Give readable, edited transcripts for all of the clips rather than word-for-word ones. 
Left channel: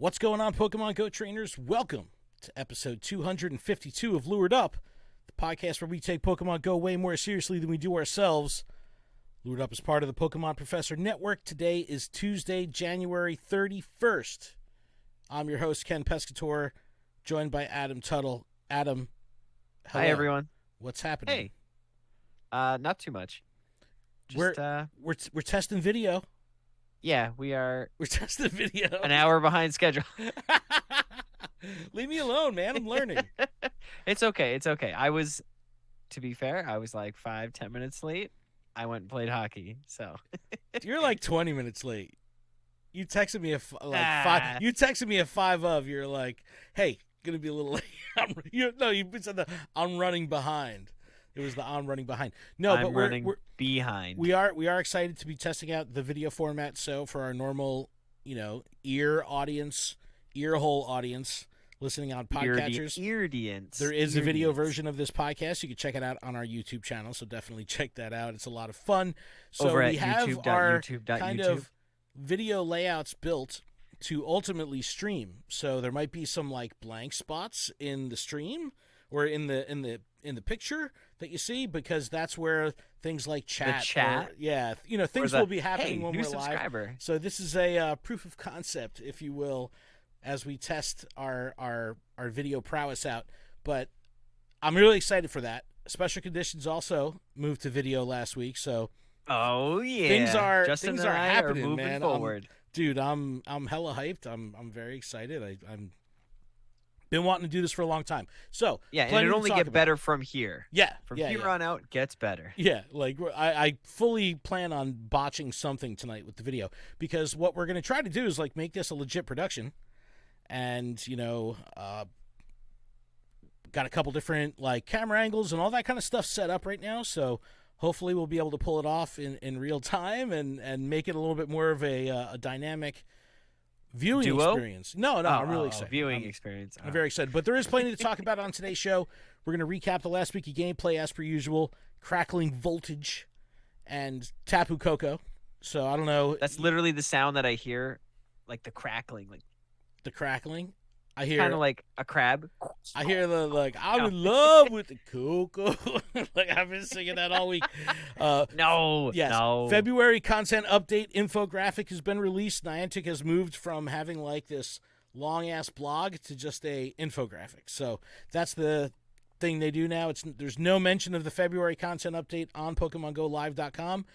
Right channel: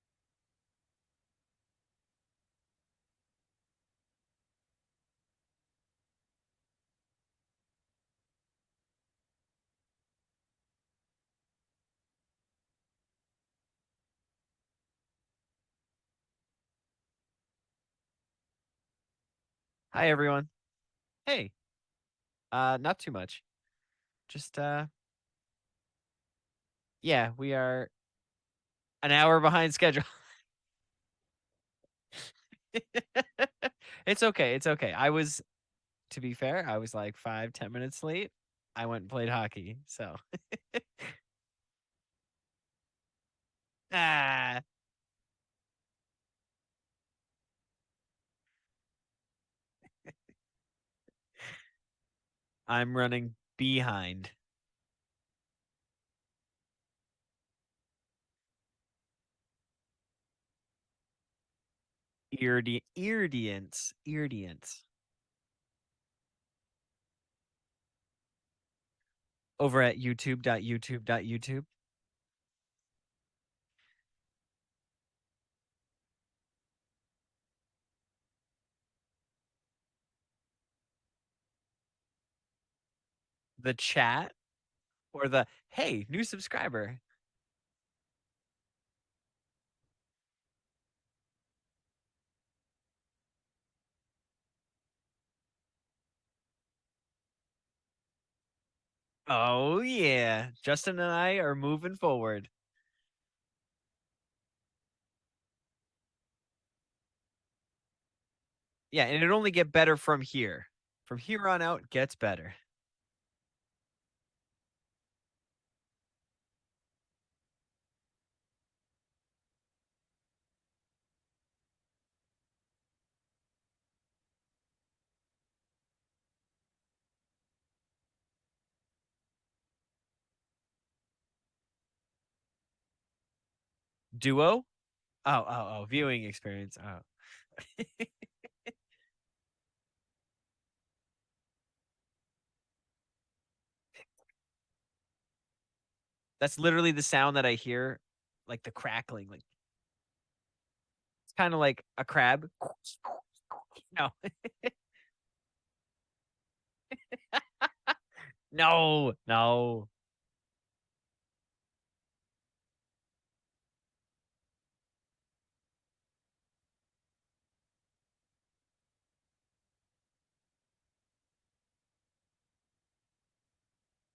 What's going on, Pokemon Go trainers? Welcome to episode 252 of LuredUp, the podcast where we take Pokemon Go way more seriously than we do ourselves. LuredUp is part of the Pokemon Professor Network. Today is Tuesday, January 31st. I'm your host, Ken Pescatore, joined by Adam Tuttle. Adam, hello. Hi, everyone. What's happening? Hey, not too much. We're testing video. Yeah, we are We're testing video. an hour behind schedule. Leave me alone, man. I'm learning. It's okay. To be fair, I was like 5-10 minutes late. I went and played hockey, so. You're like 20 minutes late. You texted me five. You texted me at 5 of. You're like, hey, gonna be a little late. You said I'm running behind. It was the I'm running behind. No, I'm but running behind. We are excited to be testing out the video format. So for our normal, ear hole audience listening on podcatchers, eardience. There is a video version of this podcast. You can check it out on our YouTube channel. So definitely check that out. It's a lot of fun. So over at we have youtube.youtube. Video layouts built to ultimately stream. So there might be some like blank spots in the stream or in the picture that you see, because that's where things like chat. Things will be happening. Hey, when new we're subscriber. Live. So this is a proof of concept, if you will, as we test our video prowess out. But I'm really excited for that. Special Conditions also moved to video last week, so oh yeah, Justin and I are happening, moving man. forward. Dude, I'm hella hyped. I'm very excited. I'm been wanting to do this for a long time. So yeah, and it only get better from here. Yeah, from here on out gets better. Yeah, like I fully plan on botching something tonight with the video, because what we're gonna try to do is like make this a legit production, and got a couple different like camera angles and all that kind of stuff set up right now. So hopefully we'll be able to pull it off in real time and make it a little bit more of a dynamic viewing experience. No, I'm really excited. Viewing experience. I'm very excited. But there is plenty to talk about on today's show. We're going to recap the last week of gameplay as per usual. Crackling Voltage and Tapu Koko. So I don't know. That's literally the sound that I hear, like the crackling. Like the crackling? I hear kind of like a crab. I hear I'm in love with the Coco. Like I've been singing that all week. No. February content update infographic has been released. Niantic has moved from having like this long ass blog to just a infographic. So that's the thing they do now. There's no mention of the February content update on PokemonGoLive.com.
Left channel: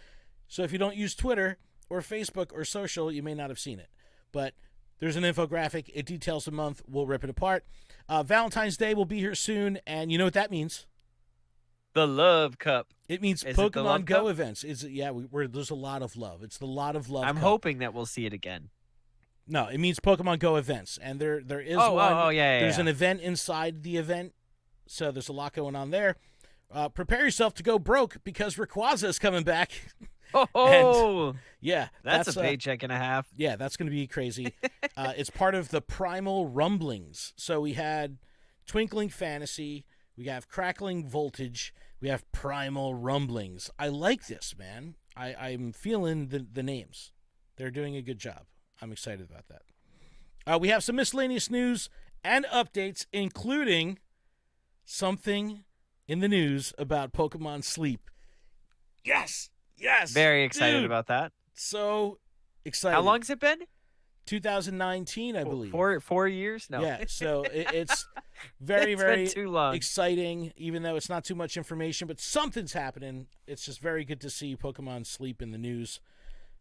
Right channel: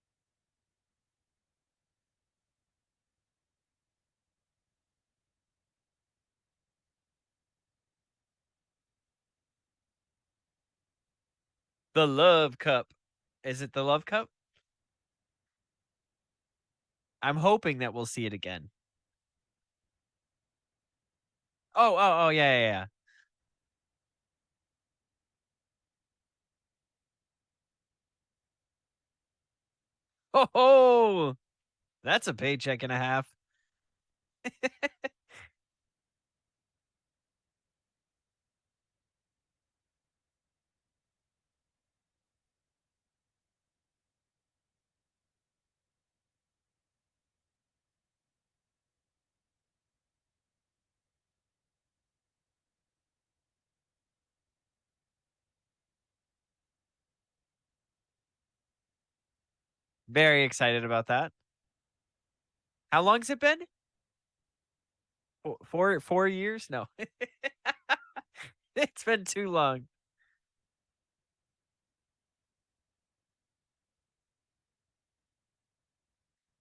So if you don't use Twitter or Facebook or social, you may not have seen it. But there's an infographic. It details the month. We'll rip it apart. Valentine's Day will be here soon, and you know what that means? The Love Cup. It means Is Pokemon it the Love Go Cup? events. There's a lot of love. It's the lot of love. I'm hoping that we'll see it again. No, it means Pokemon Go events, and there is There's an event inside the event, so there's a lot going on there. Prepare yourself to go broke, because Rayquaza is coming back. Oh, and, yeah, that's a paycheck and a half. Yeah, that's going to be crazy. It's part of the Primal Rumblings. So we had Twinkling Fantasy, we have Crackling Voltage, we have Primal Rumblings. I like this, man. I'm feeling the names. They're doing a good job. I'm excited about that. We have some miscellaneous news and updates, including something in the news about Pokemon Sleep. Yes! Very excited about that. So excited. How long has it been? 2019, I believe. 4 years? No. Yeah, so it's very, it's very been too long. Exciting, even though it's not too much information, but something's happening. It's just very good to see Pokemon Sleep in the news.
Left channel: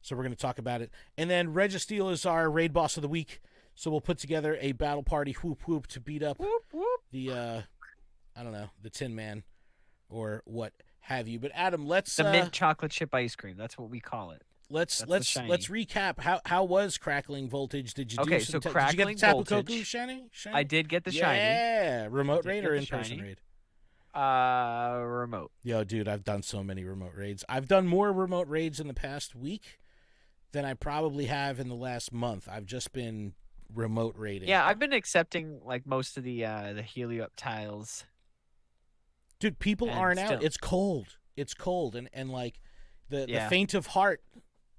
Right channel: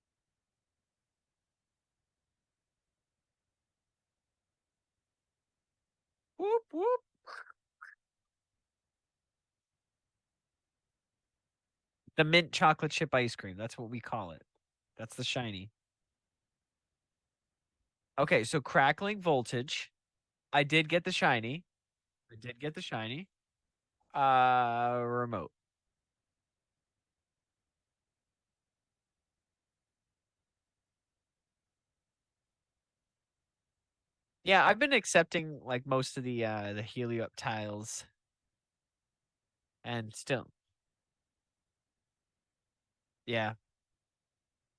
So we're going to talk about it. And then Registeel is our raid boss of the week. So we'll put together a battle party whoop whoop to beat up the the Tin Man or what have you. But Adam, let's the mint chocolate chip ice cream. That's what we call it. Let's recap. How was Crackling Voltage? Did you Crackling Voltage? Shiny? I did get the shiny. Yeah, remote raid or in-person raid? Remote. Yo, dude, I've done so many remote raids. I've done more remote raids in the past week than I probably have in the last month. I've just been remote raiding. Yeah, I've been accepting like most of the HelioUp tiles. Dude, people aren't out. It's cold. And like the faint of heart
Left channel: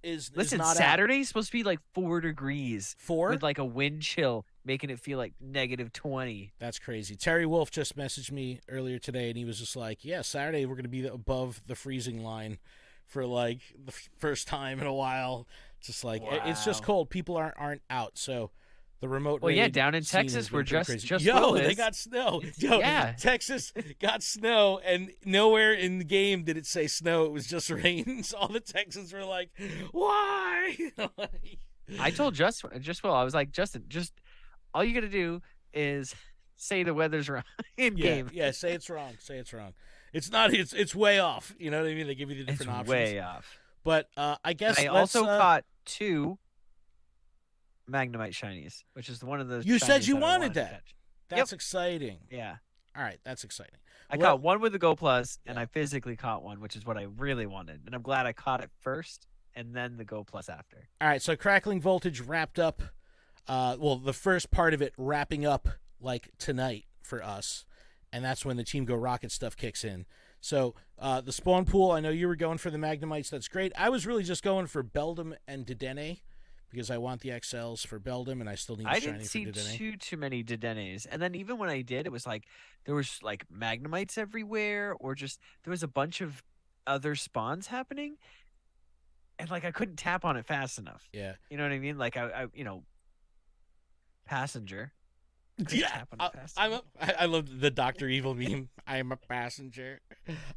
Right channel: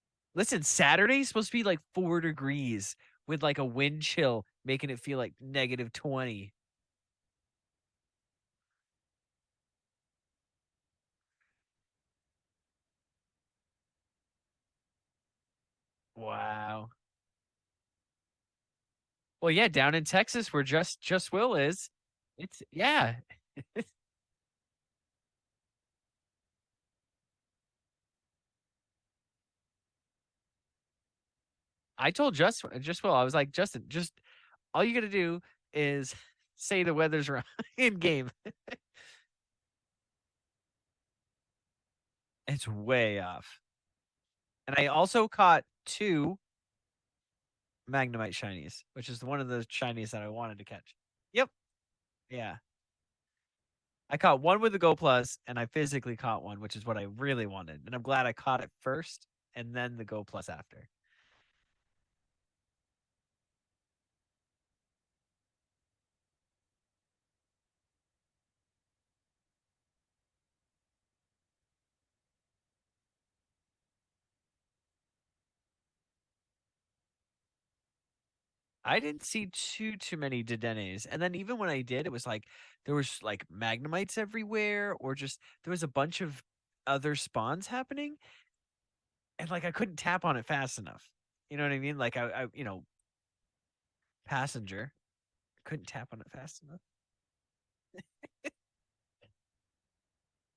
is Listen, not out. Saturday's supposed to be like 4 degrees Four? with like a wind chill, making it feel like -20. That's crazy. Terry Wolf just messaged me earlier today, and he was just like, "Yeah, Saturday we're going to be above the freezing line for like the first time in a while." Just like it's just Wow. cold. People aren't out, so the remote Well, yeah, raid down in scene has Texas, been where pretty just crazy. just Will Yo, they is. got snow. It's Yo, yeah. Texas got snow, and nowhere in the game did it say snow. It was just rain. So all the Texans were like, "Why?" I told just Will, I was like, Justin, just all you got to do is say the weather's wrong in Yeah, game. yeah. Say it's wrong. Say it's wrong. It's not. It's way off. You know what I mean? They give you the It's different options. way off. But I And guess I let's. also caught 2 Magnemite shinies, which is one of the You said shinies you that I wanted wanted to that. catch. Yep. That's exciting. Yeah. All right, that's exciting. I Well, caught one with the Go Plus, and I physically caught one, which is what I really wanted. And I'm glad I caught it first and then the Go Plus after. all right. So Crackling Voltage wrapped up. Well, the first part of it wrapping up like tonight for us, and that's when the Team Go Rocket stuff kicks in. So the spawn pool. I know you were going for the Magnemites. That's great. I was really just going for Beldum and Dedenne because I want the XLs for Beldum, and I still need. I Shiny didn't for see Dedenne. too many Dedennes. And then even when I did, it was like there was like Magnemites everywhere, or just there was a bunch of other spawns happening. And like I couldn't tap on it fast enough. Yeah. You know what I mean? Like I passenger. Couldn't Yeah, tap on it fast I'm enough. I love the Doctor Evil meme. I am a passenger.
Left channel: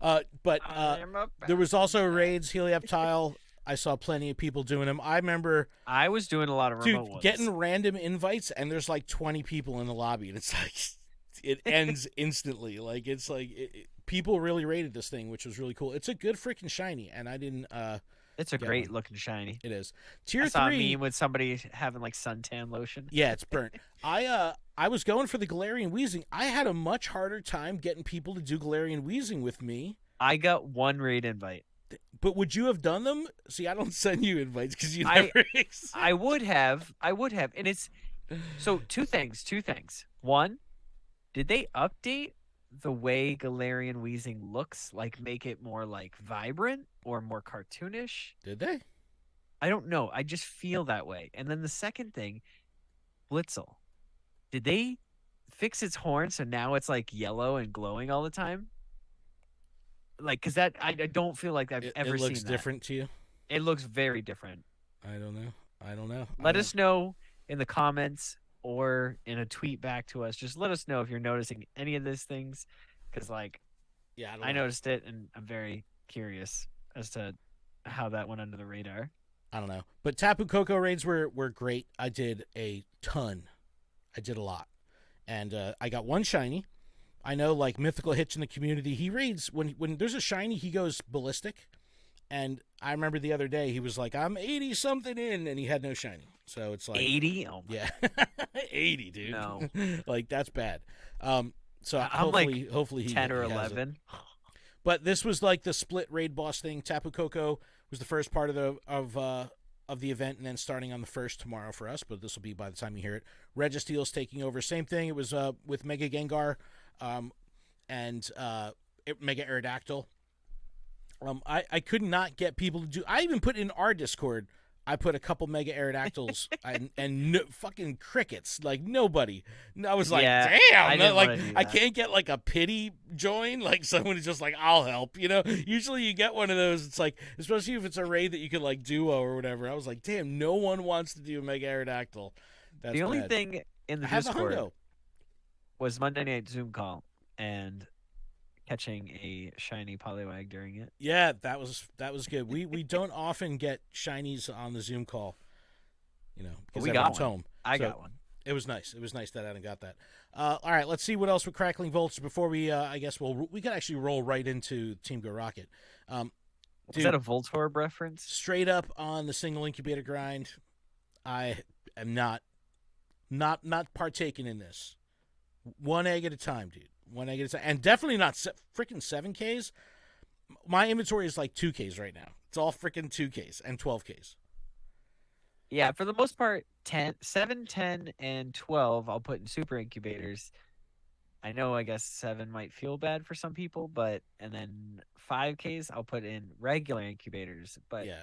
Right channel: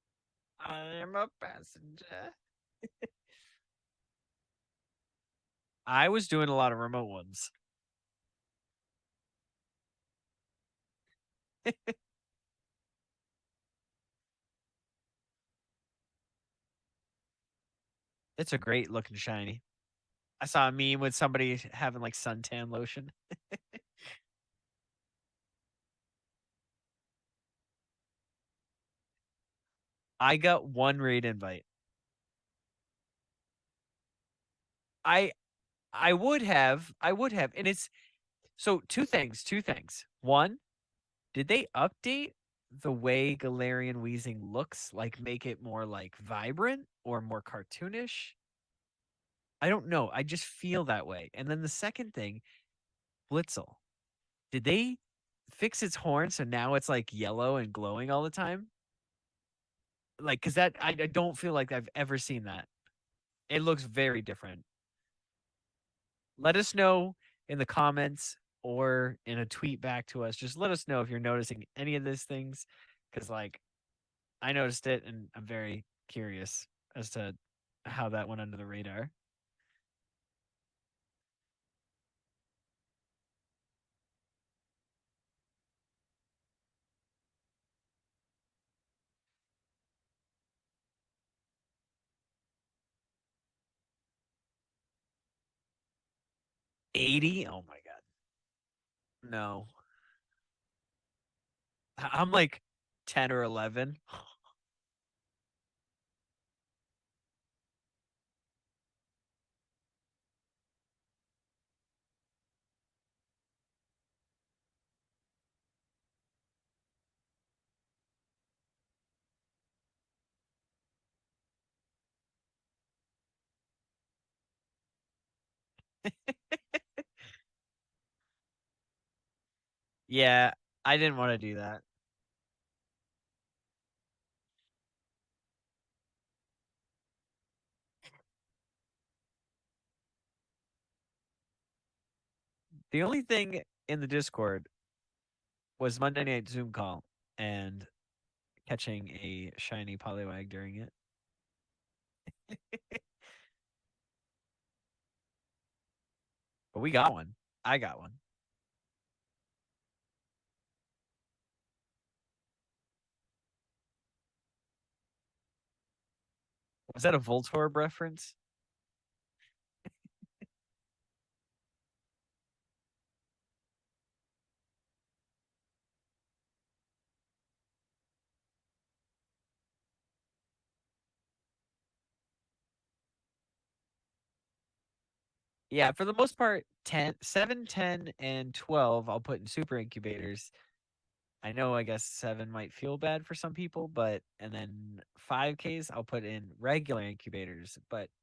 But I'm a there was also passenger. raids, Helioptile. I saw plenty of people doing them. I remember, I was doing a lot of dude, remote ones. getting random invites, and there's like 20 people in the lobby, and it's like it ends instantly. Like it's like people really rated this thing, which was really cool. It's a good freaking shiny, and I didn't It's a get one. great looking shiny. It is I tier saw a three. meme with somebody having like suntan lotion. Yeah, it's burnt. I was going for the Galarian Wheezing. I had a much harder time getting people to do Galarian Wheezing with me. I got one raid invite. But would you have done them? See, I don't send you invites because you I never I accept. would have. I would have. And it's so two things. One, did they update the way Galarian Wheezing looks? Like make it more like vibrant or more cartoonish? Did they? I don't know. I just feel that way. And then the second thing, Blitzel. Did they fix its horn so now it's like yellow and glowing all the time? Like, cause that I don't feel like I've It ever looks seen that. different to you. It looks very different. I don't know. I don't know. Let us know in the comments or in a tweet back to us. Just let us know if you're noticing any of these things, because like Yeah, I don't I know. noticed it and I'm very curious as to how that went under the radar. I don't know. But Tapu Koko raids were great. I did a ton. I did a lot, and I got one shiny. I know, like Mythical Hitch in the community, he raids when there's a shiny, he goes ballistic. And I remember the other day he was like, "I'm 80 something in," and he had no shiny. So it's like, 80? Oh my yeah, 80, dude. no. Like that's bad. So I'm like hopefully 10 or he has it. 11. But this was like the split raid boss thing. Tapu Koko was the first part of the event, and then starting on the first tomorrow for us. But this will be by the time you hear it. Registeel's taking over. Same thing. It was with Mega Gengar, and Mega Aerodactyl. I could not get people to do. I even put in our Discord. I put a couple Mega Aerodactyls and no, fucking crickets. Like nobody. And I was like, Yeah, damn. I didn't Like want to do I that. can't get like a pity join. Like someone is just like, I'll help. You know. Usually you get one of those. It's like, especially if it's a raid that you could like duo or whatever. I was like, damn. No one wants to do a Mega Aerodactyl. That's The only bad. thing in the I have a Discord hundo. was Monday night Zoom call and catching a shiny Poliwag during it. Yeah, that was good. We don't often get shinies on the Zoom call. You know, But because we got everyone's one. home. I So got one. it was nice. It was nice that Adam got that. All right, let's see what else with Crackling Voltage before we. I guess we could actually roll right into Team Go Rocket. Um, Was dude, that a Voltorb reference? straight up on the single incubator grind. I am not partaking in this. One egg at a time, dude. One egg at a time, and definitely not freaking 7Ks. My inventory is like 2Ks right now. It's all freaking 2Ks and 12Ks. Yeah, for the most part, 10, 7, 10, and 12 I'll put in super incubators. I know I guess 7 might feel bad for some people, but and then 5Ks I'll put in regular incubators. But Yeah.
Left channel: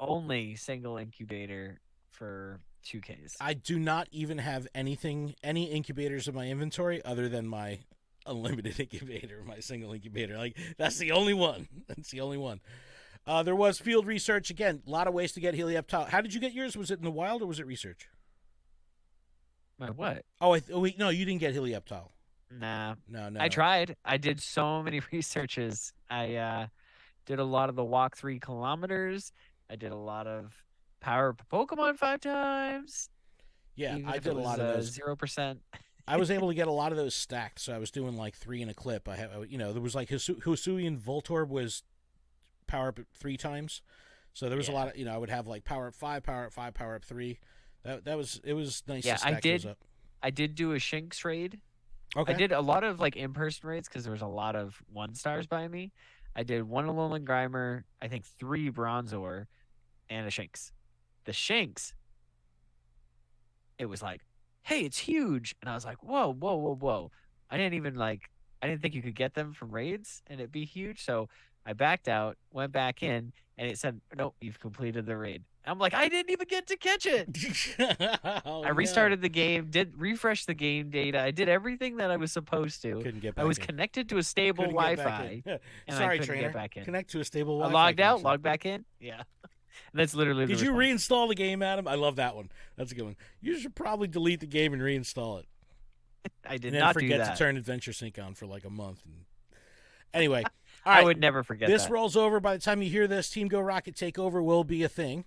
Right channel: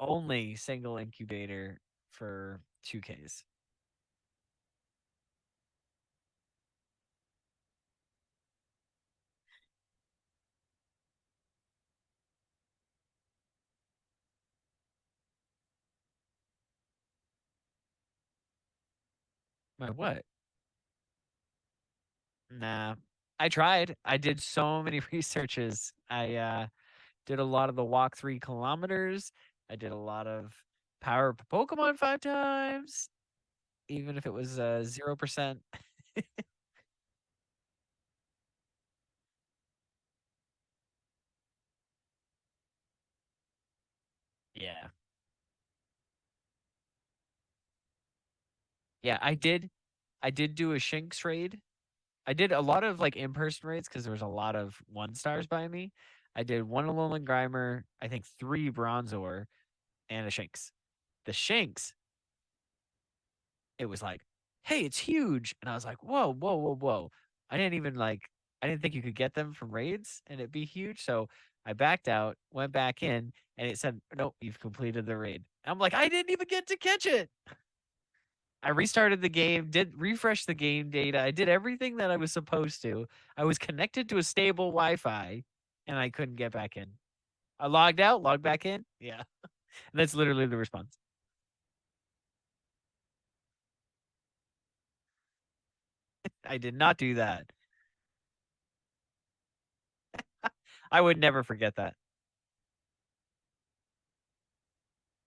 only single incubator for 2Ks. I do not even have any incubators in my inventory other than my unlimited incubator, my single incubator. Like, that's the only one. That's the only one. There was field research. Again, a lot of ways to get Heliup Tile. How did you get yours? Was it in the wild or was it research? My what? Oh, wait, no, you didn't get Heliup Tile. Nah. No, no, I no. tried. I did so many researches. I did a lot of the walk 3 kilometers. I did a lot of power up Pokemon 5 times, Yeah, even I if it did a was lot of those. 0%. I was able to get a lot of those stacked, so I was doing like 3 in a clip. There was like Hisuian Voltorb was power up 3 times, so there was a Yeah. lot of, I would have like power up 5, power up 5, power up 3. It was nice to Yeah, I stack those did. up. I did do a Shinx raid. I Okay. did a lot of like in-person raids because there was a lot of 1 stars by me. I did 1 Alolan Grimer, I think 3 Bronzor, and a Shinx. The Shinx, it was like, hey, it's huge. And I was like, whoa, whoa, whoa, whoa. I didn't think you could get them from raids and it'd be huge. So I backed out, went back in, and it said, nope, you've completed the raid. I'm like, I didn't even get to catch it. Oh I no, restarted the game, did refresh the game data. I did everything that I was supposed to. couldn't get I back was in. connected to a stable Couldn't get back in. Wi-Fi, and I Sorry, couldn't get trainer. back in. Connect to a stable I Wi-Fi logged out, connection. logged back in. Yeah, that's literally the Did you response. reinstall the game, Adam? I love that one. That's a good one. You should probably delete the game and reinstall it, I did and then not do forget to that. turn Adventure Sync on for like a month. Anyway, all I right. would never forget This that. rolls over. By the time you hear this, Team Go Rocket Takeover will be a thing.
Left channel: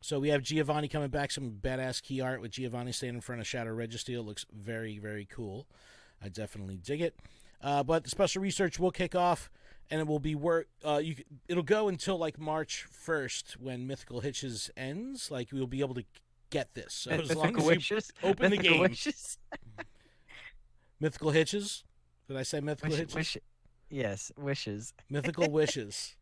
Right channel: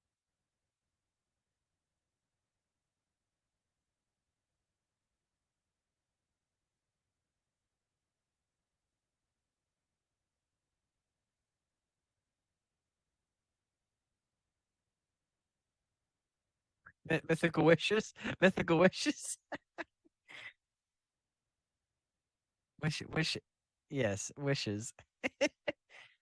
So we have Giovanni coming back, some badass key art with Giovanni standing in front of Shadow Registeel. Looks very, very cool. I definitely dig it. But the special research will kick off, and it will be it'll go until like March 1st when Mythical Hitches ends. Like, we'll be able to get this. So as long Mythical as you wishes. open the Mythical game, wishes. Mythical Hitches. Did I say Mythical Wish. Hitches? Wish. Yes. Wishes. Mythical Wishes.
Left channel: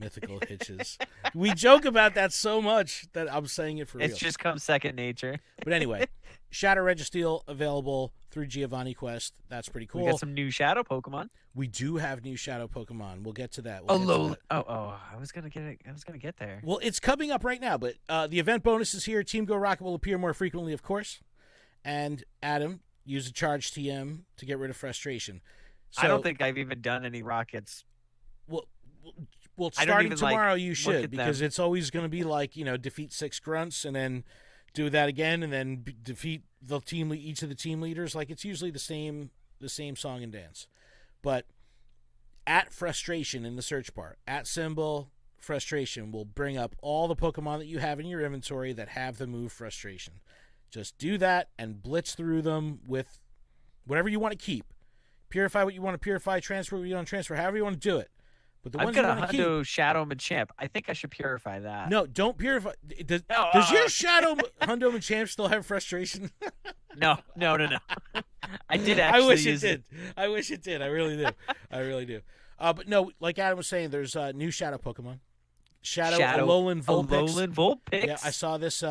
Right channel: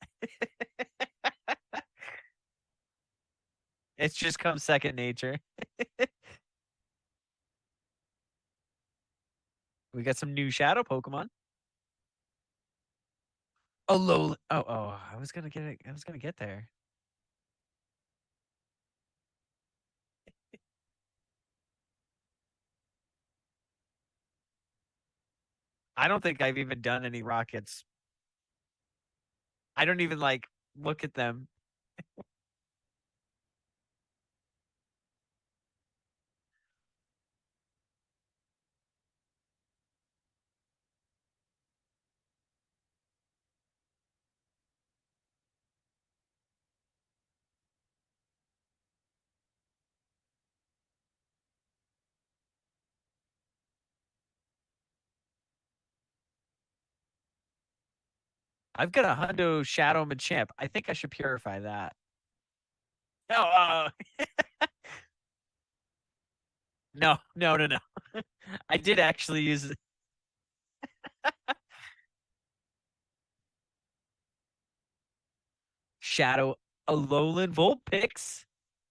Mythical Hitches. We joke about that so much that I'm saying it for It's real. just come second nature. But anyway, Shadow Registeel available through Giovanni Quest. That's pretty cool. We got some new shadow Pokemon. We do have new Shadow Pokemon. We'll get to that. I was gonna get it. I was gonna get there. Well, it's coming up right now, but the event bonus is here. Team Go Rocket will appear more frequently, of course. And Adam, use a charge TM to get rid of frustration. So, I don't think I've even done any rockets. Well, well, I don't starting even, tomorrow, like, you look should, at because them. it's always going to be like, defeat 6 grunts and then do that again and then defeat each of the team leaders. Like, it's usually the same song and dance. But at frustration in the search bar, at symbol frustration will bring up all the Pokemon that you have in your inventory that have the move frustration. Just do that and blitz through them with whatever you want to keep. Purify what you want to purify, transfer what you want to transfer, however you want to do it. But the I've ones you got a want to keep, Hundo Shadow Machamp. I think I should purify that. no, don't purify. Does, No, does your Shadow Hundo Machamp still have frustration? no. I did I actually wish use it did. I wish it did. I really do. I really do. But no, like Adam was saying, there's new Shadow Pokemon. Shadow Alolan Vulpix. Alolan Vulpix. Yeah, I saw this.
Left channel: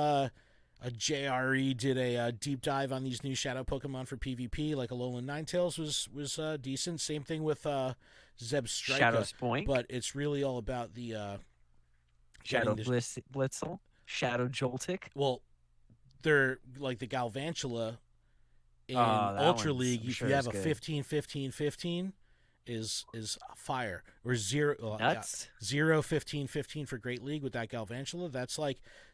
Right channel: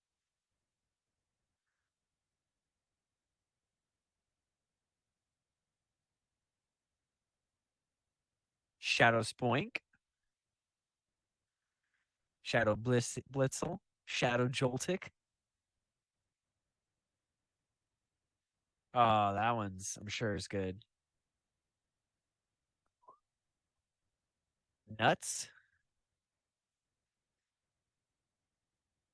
A JRE did a deep dive on these new Shadow Pokemon for PvP. Like Alolan Ninetales was decent. Same thing with Zeb Strika. Shadow Spoink. But it's really all about the Shadow getting Blitzel. Shadow Joltik. well, they're like the Galvantula in Oh, that Ultra one's, League. I'm If sure you is have a good. 15-15-15 is fire, or 0 Nuts. 0-15-15 for Great League with that Galvantula.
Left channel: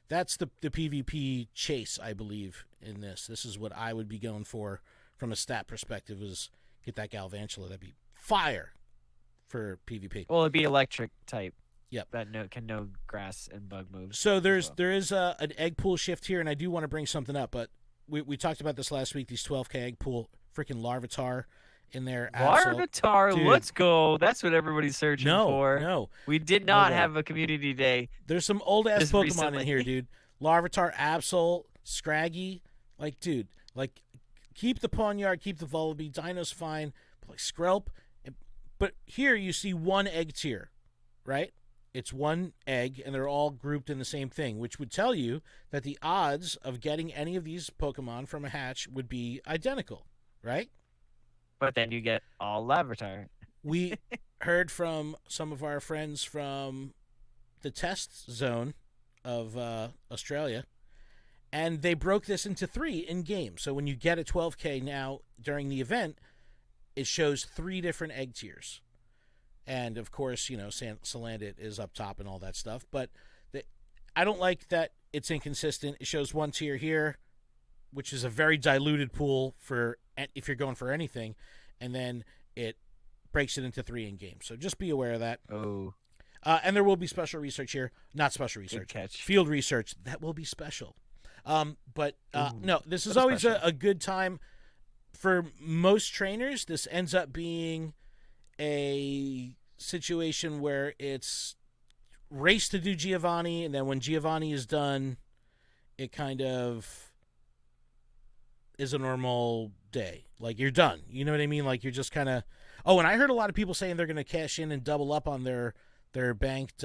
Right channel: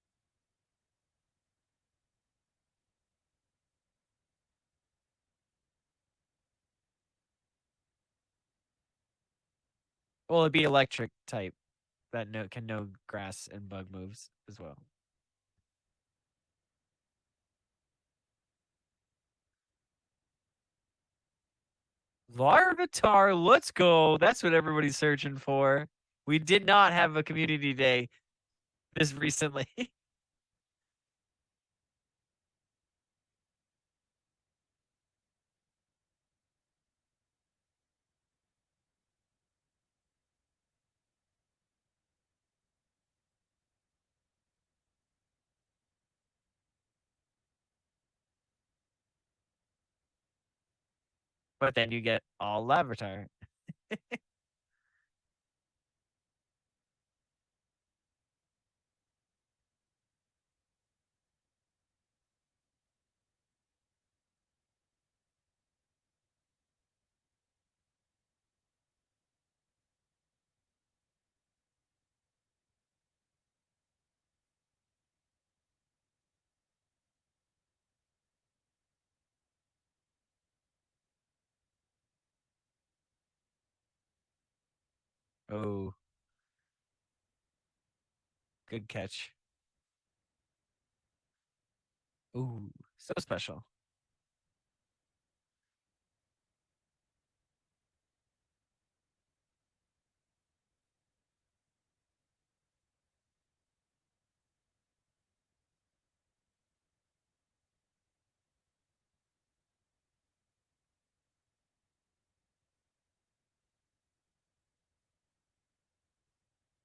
That's the PvP chase, I believe, in this. This is what I would be going for from a stat perspective, is get that Galvantula. That'd be fire for PvP. Well, it'd be electric type. Yep. That can know grass and bug moves. So there well. is an egg pool shift here, and I do want to bring something up, but we talked about this last week. These 12K egg pool, freaking Larvitar in there. Larvitar, Dude. let's go. That's what everybody's searching for. No, we did not have a community day. There's some old ass This Pokemon recently. in here, dude. Larvitar, Absol, Scraggy, like, dude, like, keep the Pawniard, keep the Vullaby. Dino's fine, but like Skrelp. But here you see one egg tier, right? It's one egg, and they're all grouped in the same thing, which would tell you that the odds of getting any of these Pokemon from a hatch would be identical, right? But then you get all Larvitar. We heard from some of our friends from the test zone of Australia, and they broke this into 3 in game. So when you get a 12K now during the event, it shows 3 different egg tiers. And of course, Salandit is up top and all that stuff. But I don't like that it's inconsistent. It shows 1 tier here, which is a very diluted pool for if you're going for anything, and then it breaks it into 3 in game. So just be aware of that. Oh. And there will be special research here. Not special research. Good catch. Field research. That will be special. But no, this is so always special. a good time. For most trainers, this ends up being a situation where it's race to do Giovanni, and then when Giovanni is done, it kind of is a normal day. Like, you're done. You know what I mean? Like, you're just kind of... Oh, and I heard a lot of people saying they're going to cash in and double up on their banked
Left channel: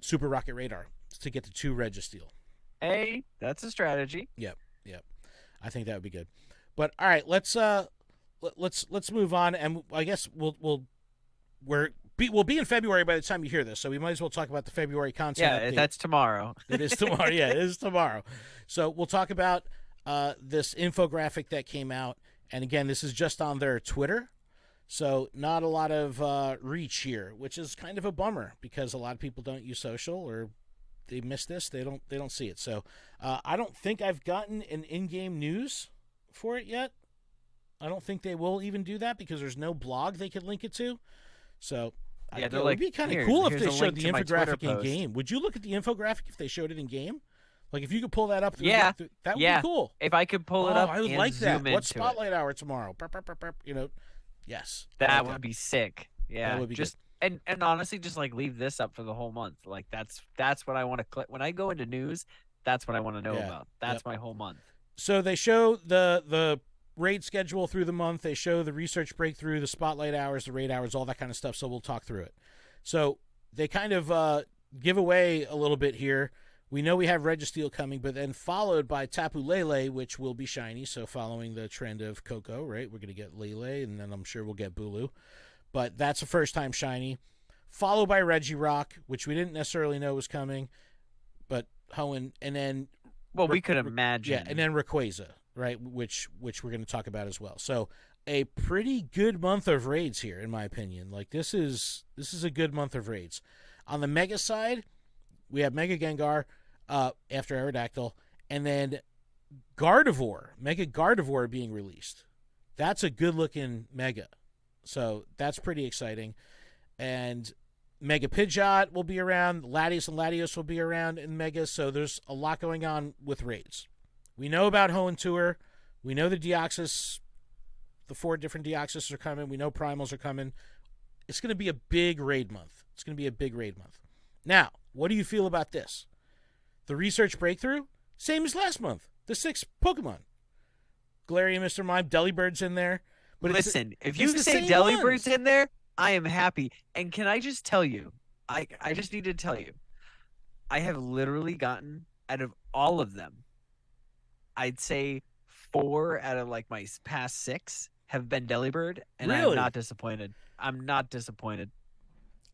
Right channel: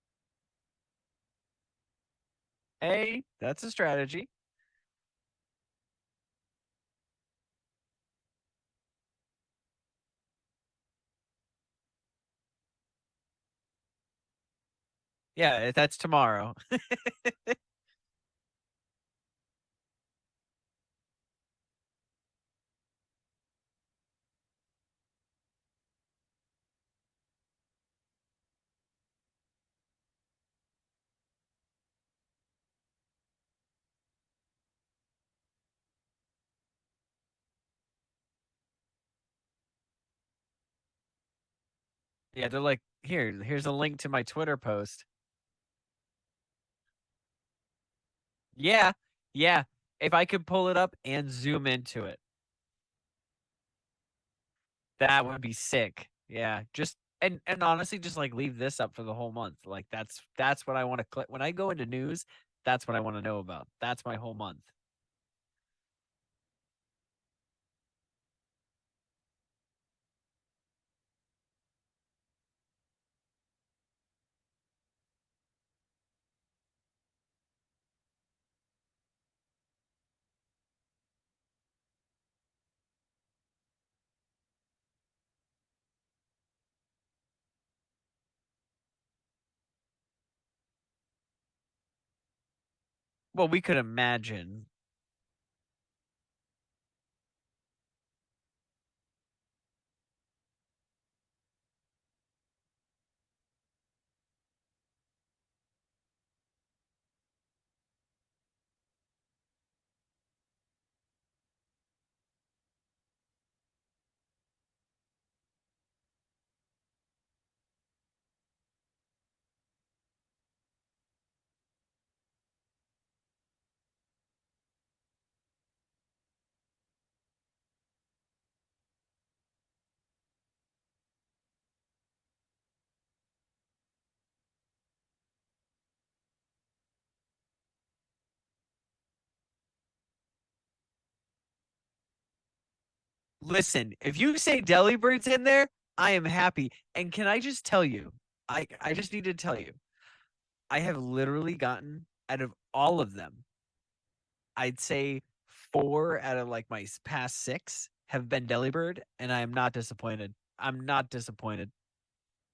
Super Rocket Radar to get the 2 Registeel. Hey, that's a strategy. Yep. I think that would be good. But all right, let's move on, and I guess we'll be in February by the time you hear this, so we might as well talk about the February content. Yeah, update. that's tomorrow. It is tomorrow. Yeah, it is tomorrow. So we'll talk about this infographic that came out, and again, this is just on their Twitter, so not a lot of reach here, which is kind of a bummer because a lot of people don't use social, or they miss this. They don't see it. So I don't think I've gotten an in-game news for it yet. I don't think they will even do that because there's no blog they could link it to. So yeah, they're it like, would be kind here, of cool if here's they a showed link the to my Twitter infographic in post. game. Would you look at the infographic if they showed it in game? Like, if you could pull that up. Yeah, that would yeah. be cool. If I could pull it up I would and like zoom that. into What's it, Spotlight Hour tomorrow? Burp, burp, burp, burp, yes. that would be sick. Yeah, would be just and honestly, just like leave this up for the whole month. Like that's what I want to click when I go into news. That's what I want to know about. That's my whole month. So they show the raid schedule through the month. They show the research breakthrough, the spotlight hours, the raid hours, all that kind of stuff. So we'll talk through it. So they kind of give away a little bit here. We know we have Registeel coming, but then followed by Tapu Lele, which will be shiny. So following the trend of Coco, right? We're going to get Lele, and then I'm sure we'll get Bulu. But that's a first-time shiny. Followed by Regirock, which we didn't necessarily know was coming, but Hoenn, and then... Well, we could imagine. Yeah, and then Rayquaza, right? Which we're going to talk about as well. So a pretty good month of raids here, in my opinion. Like, this is a good month of raids. On the Mega side, we have Mega Gengar after Aerodactyl, and then Gardevoir, Mega Gardevoir being released. That's a good-looking Mega. So that's pretty exciting. And Mega Pidgeot will be around. Latios and Latios will be around in Mega. So there's a lot going on with raids. We know about Hoenn Tour. We know the Deoxys, the 4 different Deoxys are coming. We know Primals are coming. It's going to be a big raid month. It's going to be a big raid month. Now, what do you feel about this? The research breakthrough, same as last month. The 6 Pokemon. Galarian, Mr. Mime, Delibird's in there. But listen, if you say Delibird's in there, I am happy. And can I just tell you, I just need to tell you, I have literally gotten, out of all of them, I'd say 4 out of like my past 6 have been Delibird, and Really? I'm not disappointed. I'm not disappointed.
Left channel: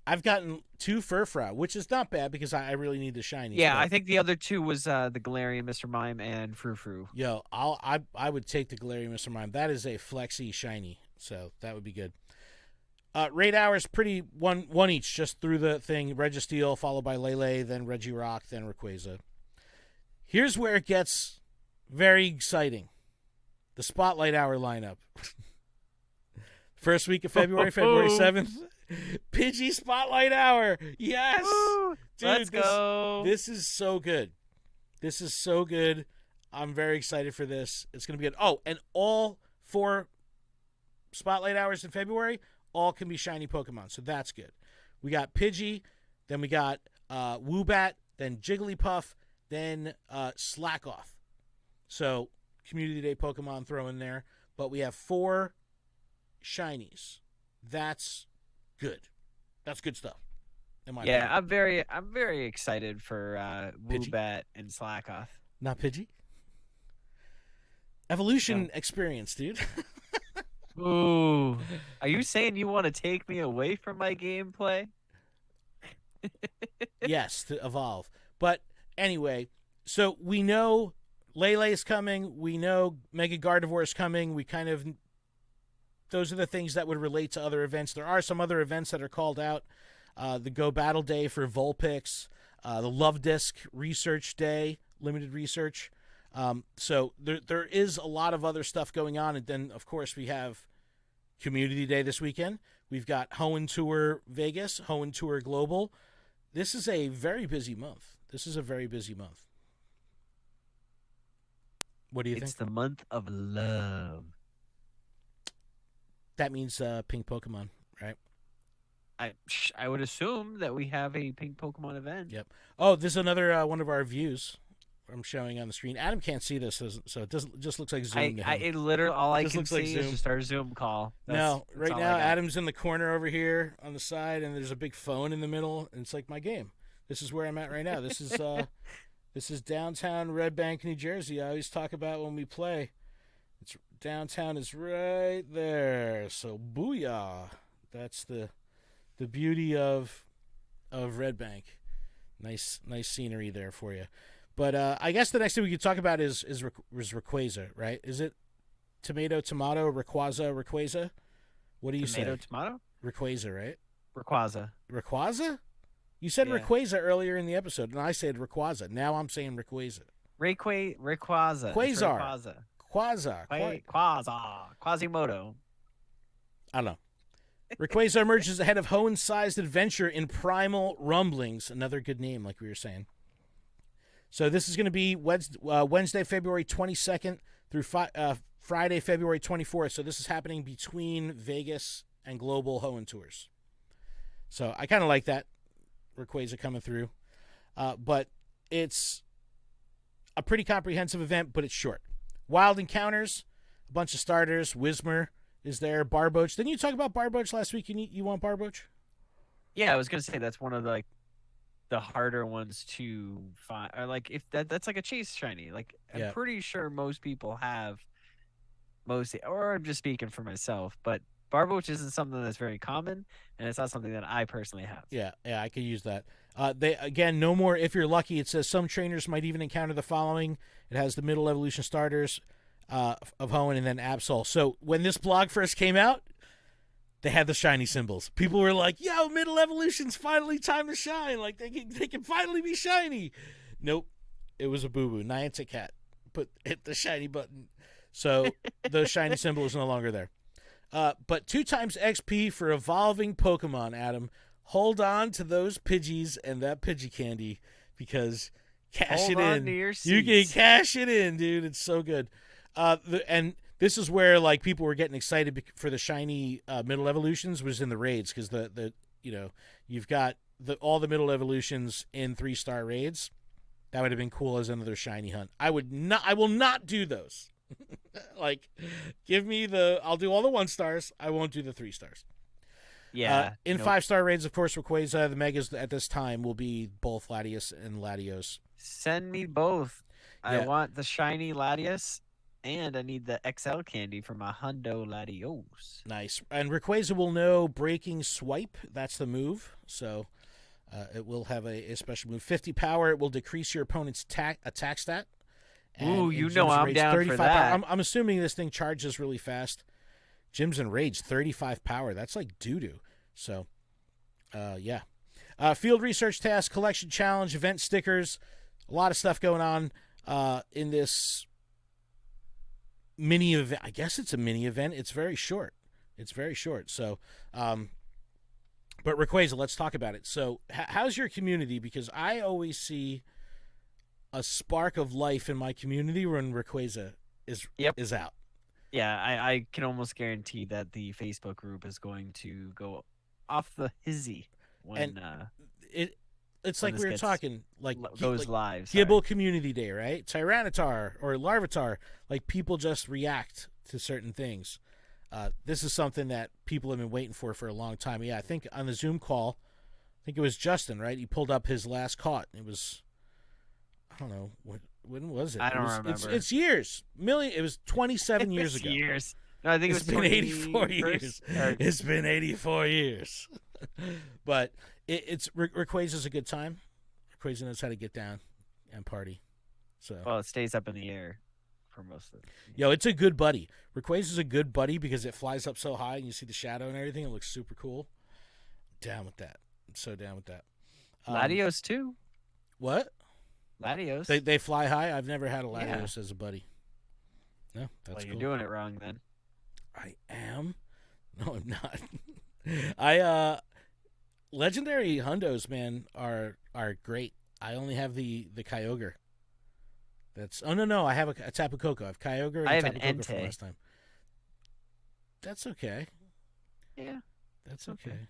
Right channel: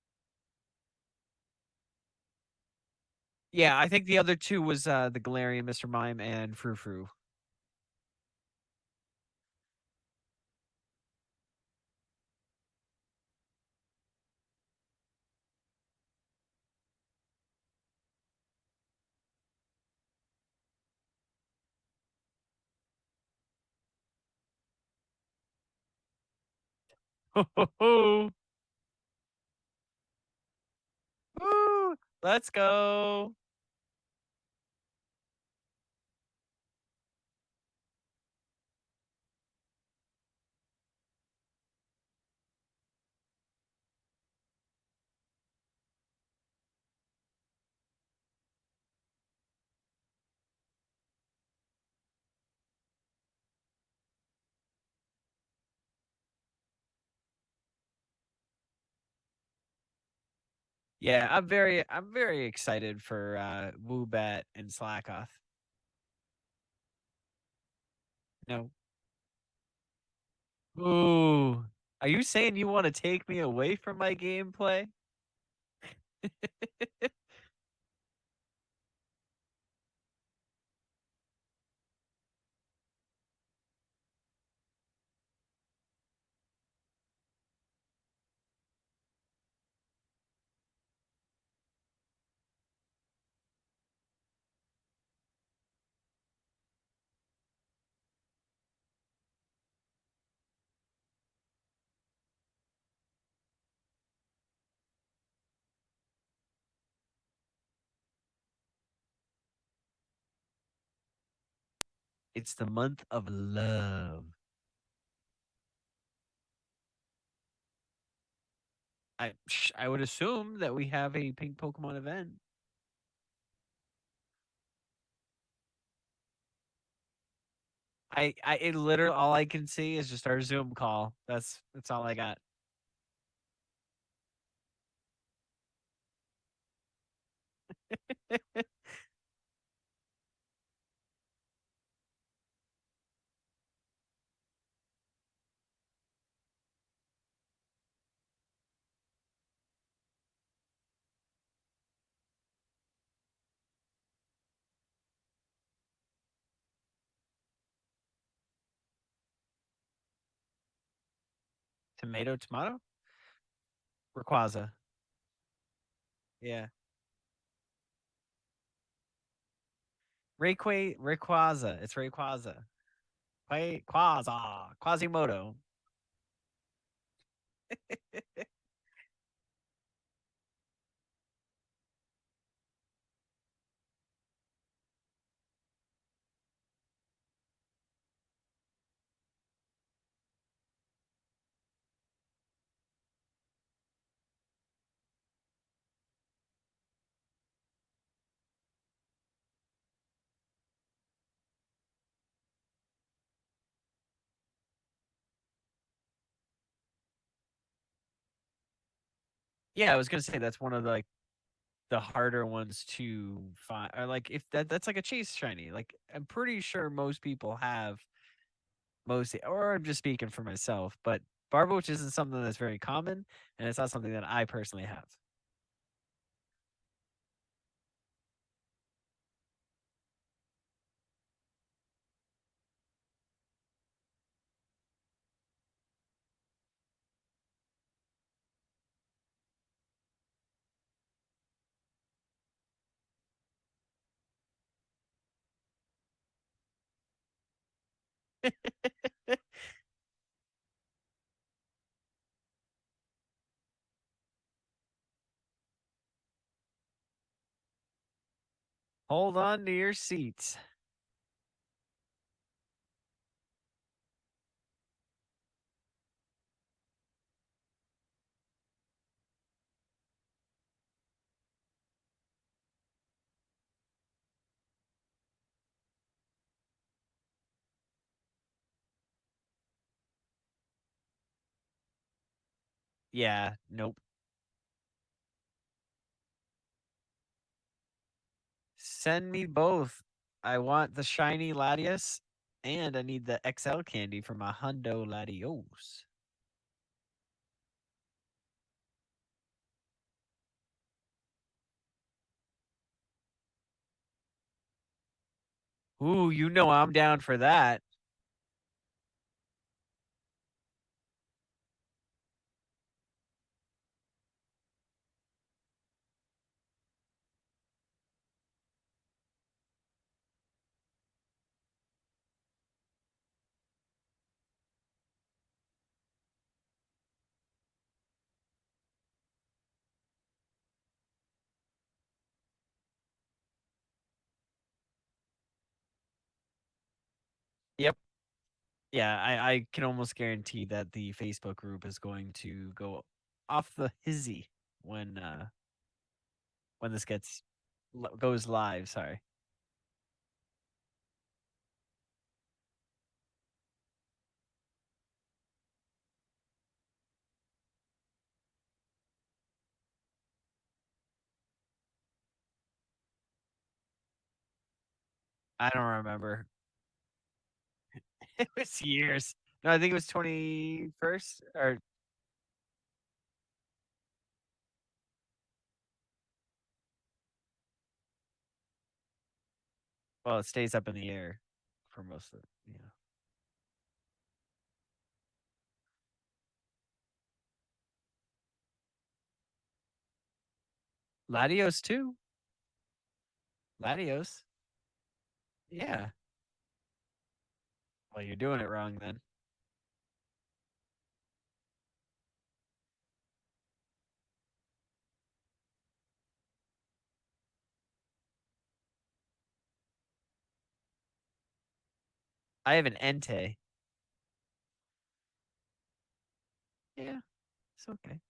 I've gotten 2 Furfrou, which is not bad because I really need the shiny. Yeah, I think the other 2 was the Galarian, Mr. Mime, and Frou-Frou. Yo, I would take the Galarian Mr. Mime. That is a flexy shiny, so that would be good. Raid hours pretty one each, just through the thing. Registeel, followed by Lele, then Regirock, then Rayquaza. Here's where it gets very exciting. The Spotlight Hour lineup. First week of February, February 7th. Pidgey Spotlight Hour. Yes. Woo! Dude, Let's go. This is so good. This is so good. I'm very excited for this. It's going to be good. Oh, and all 4 Spotlight Hours in February, all can be shiny Pokemon. So that's good. We got Pidgey, then we got Woobat, then Jigglypuff, then Slackoff. So Community Day Pokemon throw in there. But we have 4 shinies. That's good. That's good stuff. Yeah, I'm very excited for Woobat and Slackoff. Not Pidgey? Evolution experience, dude. Ooh. Are you saying you want to take me away from my gameplay? Yes, to evolve. But anyway, so we know Lele is coming. We know Mega Gardevoir is coming. We kind of those are the things that would relate to other events. There are some other events that are called out. The Go Battle Day for Vulpix, the Love Disc Research Day, limited research. So there is a lot of other stuff going on. And then, of course, we have Community Day this weekend. We've got Hoenn Tour Vegas, Hoenn Tour Global. This is a very busy month. This is a very busy month. What do you think? It's the month of love. That means pink Pokemon, right? I would assume that we have a pink Pokemon event. Yep. Oh, this is another one of our views I'm showing on the screen. Adam can't see this, so it just looks like Zoom. It literally all I This can looks like see is Zoom. just our Zoom call. That's Right all now, I got. Adam's in the corner over here on the side, and there's a big phone in the middle, and it's like my game. This is where I'm at right now. This is downtown Red Bank, New Jersey. I always talk about when we play. It's downtown is right there. So booyah! That's the beauty of Red Bank. Nice scenery there for you. But I guess the next thing we could talk about is Rayquaza, right? Is it tomato, Rayquaza? What do you say? Tomato? Rayquaza, right? Rayquaza? You said Yeah. Rayquaza earlier in the episode, and I said Rayquaza. Now I'm saying Rayquaza. Rayquaza. It's Quasar. Rayquaza. Quasar. Quasimodo. I don't know. Rayquaza emerges ahead of Hoenn-sized adventure in Primal Rumblings. Another good name, like we were saying. So this is going to be Wednesday, February 22nd through Friday, February 24th. So this is happening between Vegas and Global Hoenn Tours. So I kind of like that. Rayquaza coming through. But it's a pretty comprehensive event, but it's short. Wild Encounters, a bunch of starters. Whismur is there. Barboach. Didn't you talk about Barboach last week? You want Barboach? Yeah, I was gonna say that's one of the harder ones to find. Or like if that's like a chase shiny. Like I'm pretty sure most people have or I'm just speaking for myself, but Barboach isn't something that's very common, and it's not something that I personally have. Yeah, I could use that. They again, no more. If you're lucky, it says some trainers might even encounter the following. It has the middle evolution starters of Hoenn and then Absol. So when this blog first came out, they had the shiny symbols. People were like, "Yo, middle evolution's finally time to shine! Like they can finally be shiny." Nope, it was a boo boo. Niantic cat hit the shiny button, so the shiny symbol is no longer there. But 2 times XP for evolving Pokemon, Adam. Hold on to those Pidgeys and that Pidgey candy because Hold on to your seats. You can cash it in, dude. It's so good. And this is where like people were getting excited for the shiny middle evolutions was in the raids because you've got all the middle evolutions in 3-star raids. That would have been cool as another shiny hunt. I will not do those. Like, give me I'll do all the 1-stars. I won't do the 3-stars. Yeah. In 5-star raids, of course, Rayquaza, the Megas at this time will be both Latios and Latios. Send me both. I want the shiny Latios, and I need the XL candy for my Hundo Latios. Nice. And Rayquaza will know Breaking Swipe. That's the move. So it will have a special move. 50 power. It will decrease your opponent's attack stat. Ooh, I'm down for that. I'm assuming this thing charges really fast. Gyms and Rage, 35 power. That's like doo-doo. So, yeah. Field research task, collection challenge, event stickers. A lot of stuff going on in this mini event. I guess it's a mini event. It's very short. So, but Rayquaza, let's talk about it. So, how's your community? Because I always see a spark of life in my community when Rayquaza is out. Yeah, I can almost guarantee that the Facebook group is going to go off the hizzy when it's like we were talking like goes live. Gibble Community Day, right? Tyranitar or Larvitar, like people just react to certain things. This is something that people have been waiting for a long time. Yeah, I think on the Zoom call, I think it was Justin, right? He pulled up his last caught. It was, I don't know when was it? I don't remember. It's years. It was 27 years ago. Years. No, I think it was 84 years. It's been 84 years. But It's Rayquaza's a good time. Rayquaza knows how to get down and party. So Well, it stays up in the air for most of it. yo, it's a good buddy. Rayquaza's a good buddy because it flies up so high and you see the shadow and everything. It looks super cool. Down with that. I'm so down with that. Latios too. What? Latios. They fly high. I've never had a Yeah. Latios as a buddy. No, that's Well, you're cool. doing it wrong then. I am. No, I'm not. I legendary hundos, man, are great. I only have the Kyogre. That's no. I have a Tapu Koko. I have Kyogre. And I have Tapu an Koko from Entei. last time. That's okay. Yeah. That's okay. okay.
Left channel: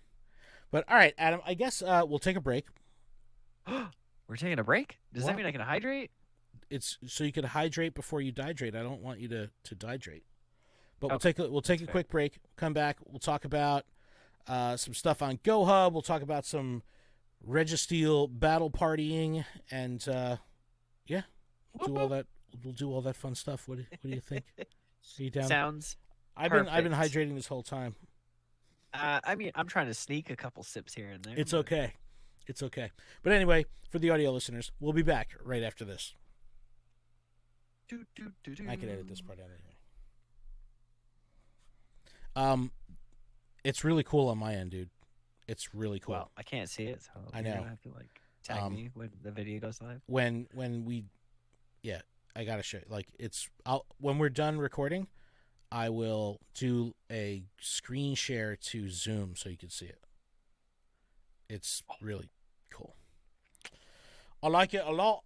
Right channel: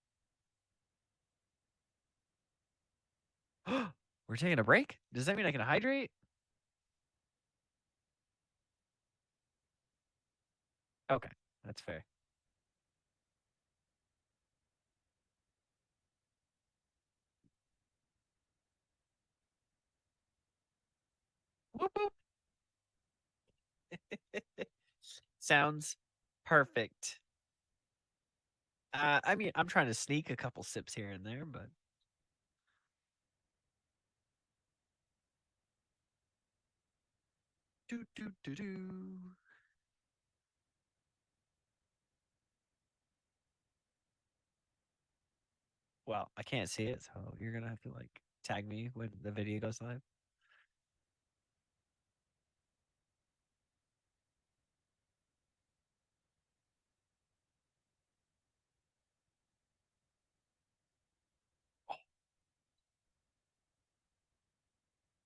But all right, Adam. I guess we'll take a break. We're taking a break? Does that What? mean I can hydrate? It's so you can hydrate before you dihydrate. I don't want you to dihydrate. But Okay, we'll take a fair. quick break. Come back. We'll talk about some stuff on Go Hub. We'll talk about some Registeel battle partying, and yeah, we'll do all that. We'll do all that fun stuff. What do you think? Are you down? Sounds I've been perfect. hydrating this whole time. I mean, I'm trying to sneak a couple sips here and there. It's but- okay. It's okay. But anyway, for the audio listeners, we'll be back right after this. Do, do, do, do. I can edit this part out of here. It's really cool on my end, dude. It's really cool. Well, I can't see it, so I you're know. gonna have to like tag me when the video goes live. when we, yeah, I gotta show. Like when we're done recording, I will do a screen share to Zoom so you can see it. It's really cool. I like it a lot.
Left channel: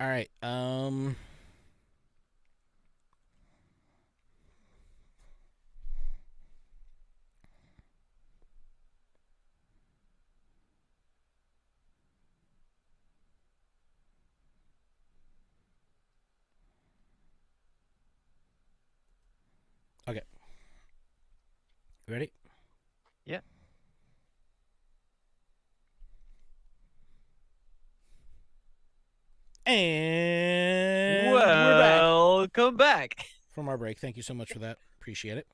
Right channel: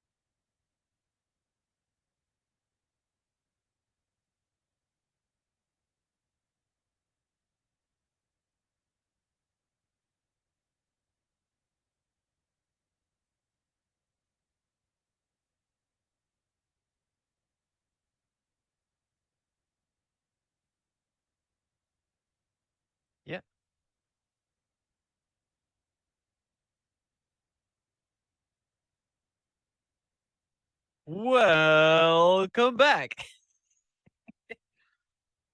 All right. Okay. Ready? Yeah. And we're back Welcome back. from our break. Thank you so much for that. Appreciate it.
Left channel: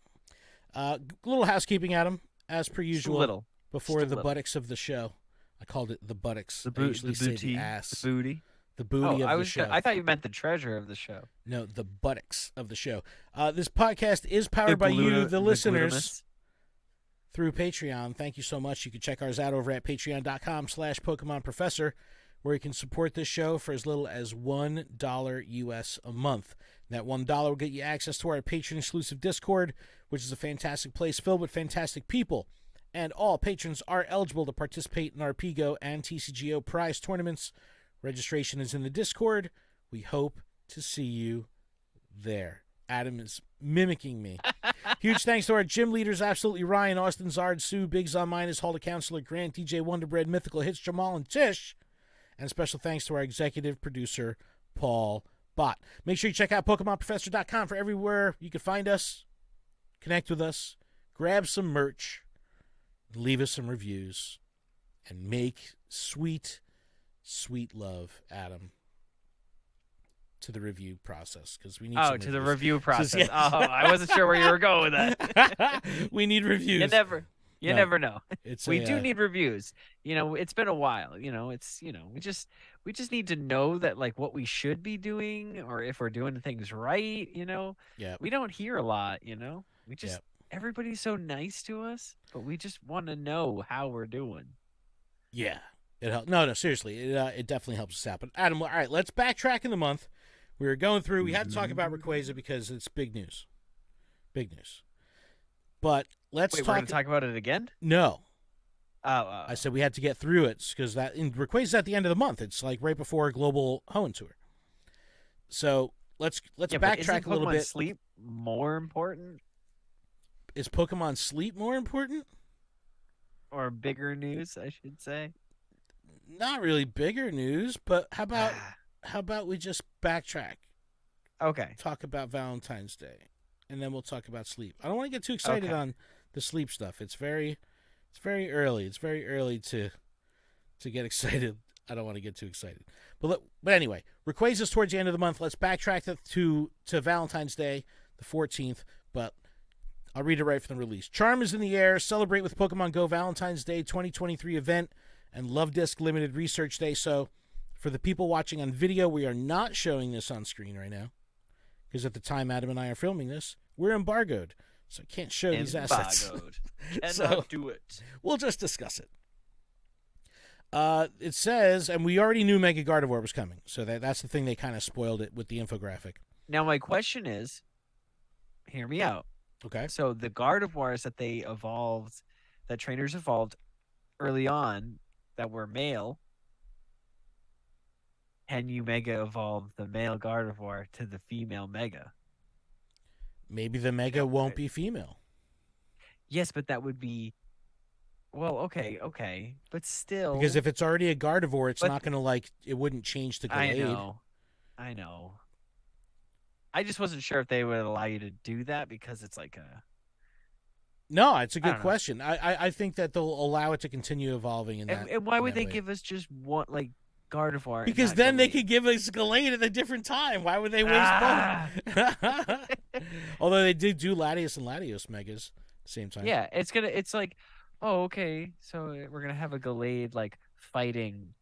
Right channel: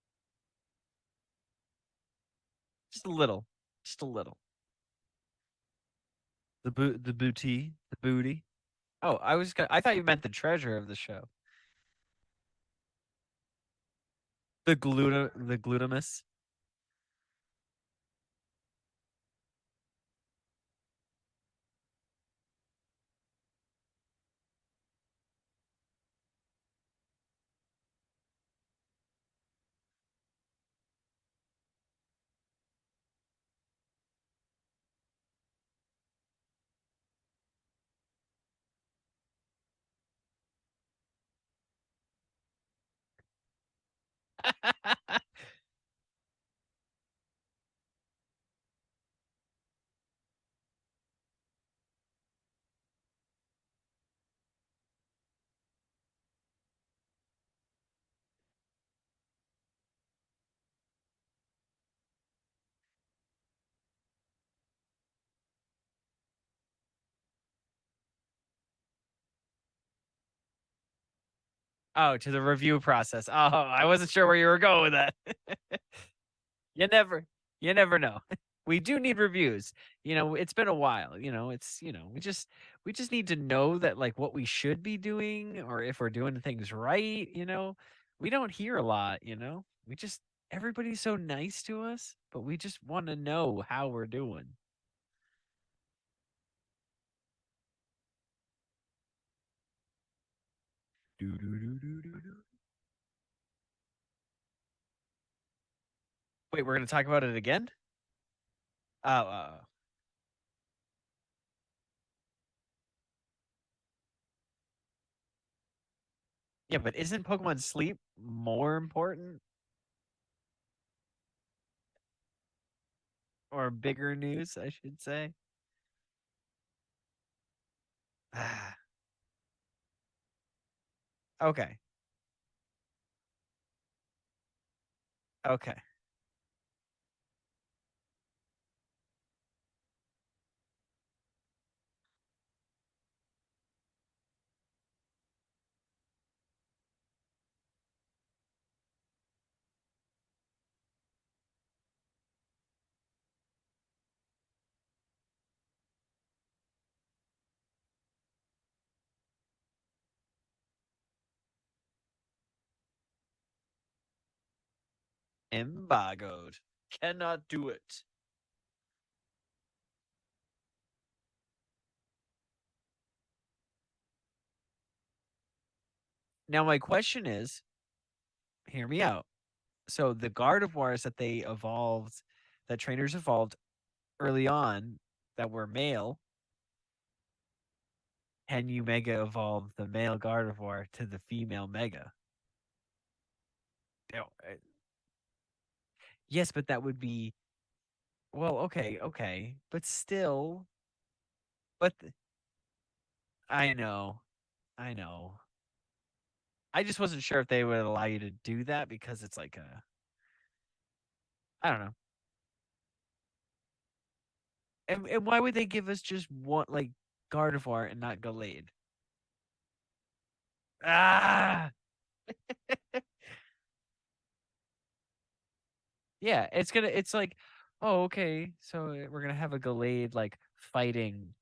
Little housekeeping, Adam, as per Just a usual. little. Before just a the little. buttocks of the show, I called it the buttocks. The I usually say booty, ass. the booty. The booty Oh, of I the was. show. I thought you meant the treasure of the show. No, the buttocks of the show. This podcast is The powered by you, the listeners, glutamus. through Patreon. Thank you so much. You can check ours out over at patreon.com/Pokemon Professor, where you can support this show for as little as $1 US a month. That $1 will get you access to our patron-exclusive Discord, which is a fantastic place filled with fantastic people. And all patrons are eligible to participate in our PGO and TCGO prize tournaments. Registration is in the Discord. We hope to see you there. Adam is mimicking me. Huge thanks to our gym leaders, absolutely Ryan, Austin, Zard, Sue, Biggs on Minus, Halda Counselor, Grant, DJ Wonderbread, Mythical Hits, Jamal, and Tish. And special thanks to our executive producer, Paul Bhatt. Make sure you check out PokemonProfessor.com for everywhere you can find us, connect with us, grab some merch, leave us some reviews, and make sweet, sweet love, Adam, to the review process, because we need Oh, some to the reviews. review process. yeah. Oh, I wasn't sure where you were going with that. We need reviews. You No. never know. It's We a, do need reviews. You know, it's been a while. You know, we just need to know that like what we should be doing or if we're doing things right, you know. yeah. We don't hear a lot, you know. We just everybody's so nice to us, but we just want to know how we're doing. Yeah, it helps. No, seriously, it definitely helps us out. But Adam, all right, let's backtrack in the month. We were going through. We had to talk about Rayquaza because it's big news. Big news. But let's Wait, we're going to talk about it again? No, Oh, I said we had to get through it because that in Rayquaza's at the end of the month. It's like right before a global Hoenn tour. So let's yeah, but backtrack isn't a little Pokemon bit. Sleep more important Is Pokemon Sleep more important? or bigger news, I should say? Not really bigger news, but how about we just backtrack? Okay. Talk about Valentine's Day, and then we'll talk about sleep. I don't want to get too excited Okay. on the sleep stuff. It's very early. It's very early to get excited. I don't want to get too excited. But anyway, Rayquaza's towards the end of the month. Let's backtrack to Valentine's Day, the 14th. But I'll read it right from the release. Charm is in the air. Celebrate with Pokemon Go Valentine's Day 2023 event and Love Disc Limited Research Day. So, for the people watching on video, we are not showing this on screen right now because at the time Adam and I are filming this, we're embargoed. So, I can't show these assets. Embargoed. Cannot do it. We'll just discuss it. It says, and we already knew Mega Gardevoir was coming. So, that's the thing they kind of spoiled it with the infographic. Now, my question is, hear me out. Okay. So the Gardevoirs that they evolved, that trainers evolved early on that were male, can you Mega evolve the male Gardevoir to the female Mega? Maybe the Mega won't be female. Yes, but that would be... Well, okay. But still... Because if it's already a Gardevoir, it's not going to, it wouldn't change the grade. I know. I just wasn't sure if they would allow you to do that because it's like a... No, it's a good question. I think that they'll allow it to continue evolving. And why would they give us just one, Gardevoir? Because then they could give us Gallade at a different time. Why would they waste both? Although they did do Latios and Latios Megas at the same time. Yeah, it's like, oh, okay, so we're going to have a Gallade, fighting.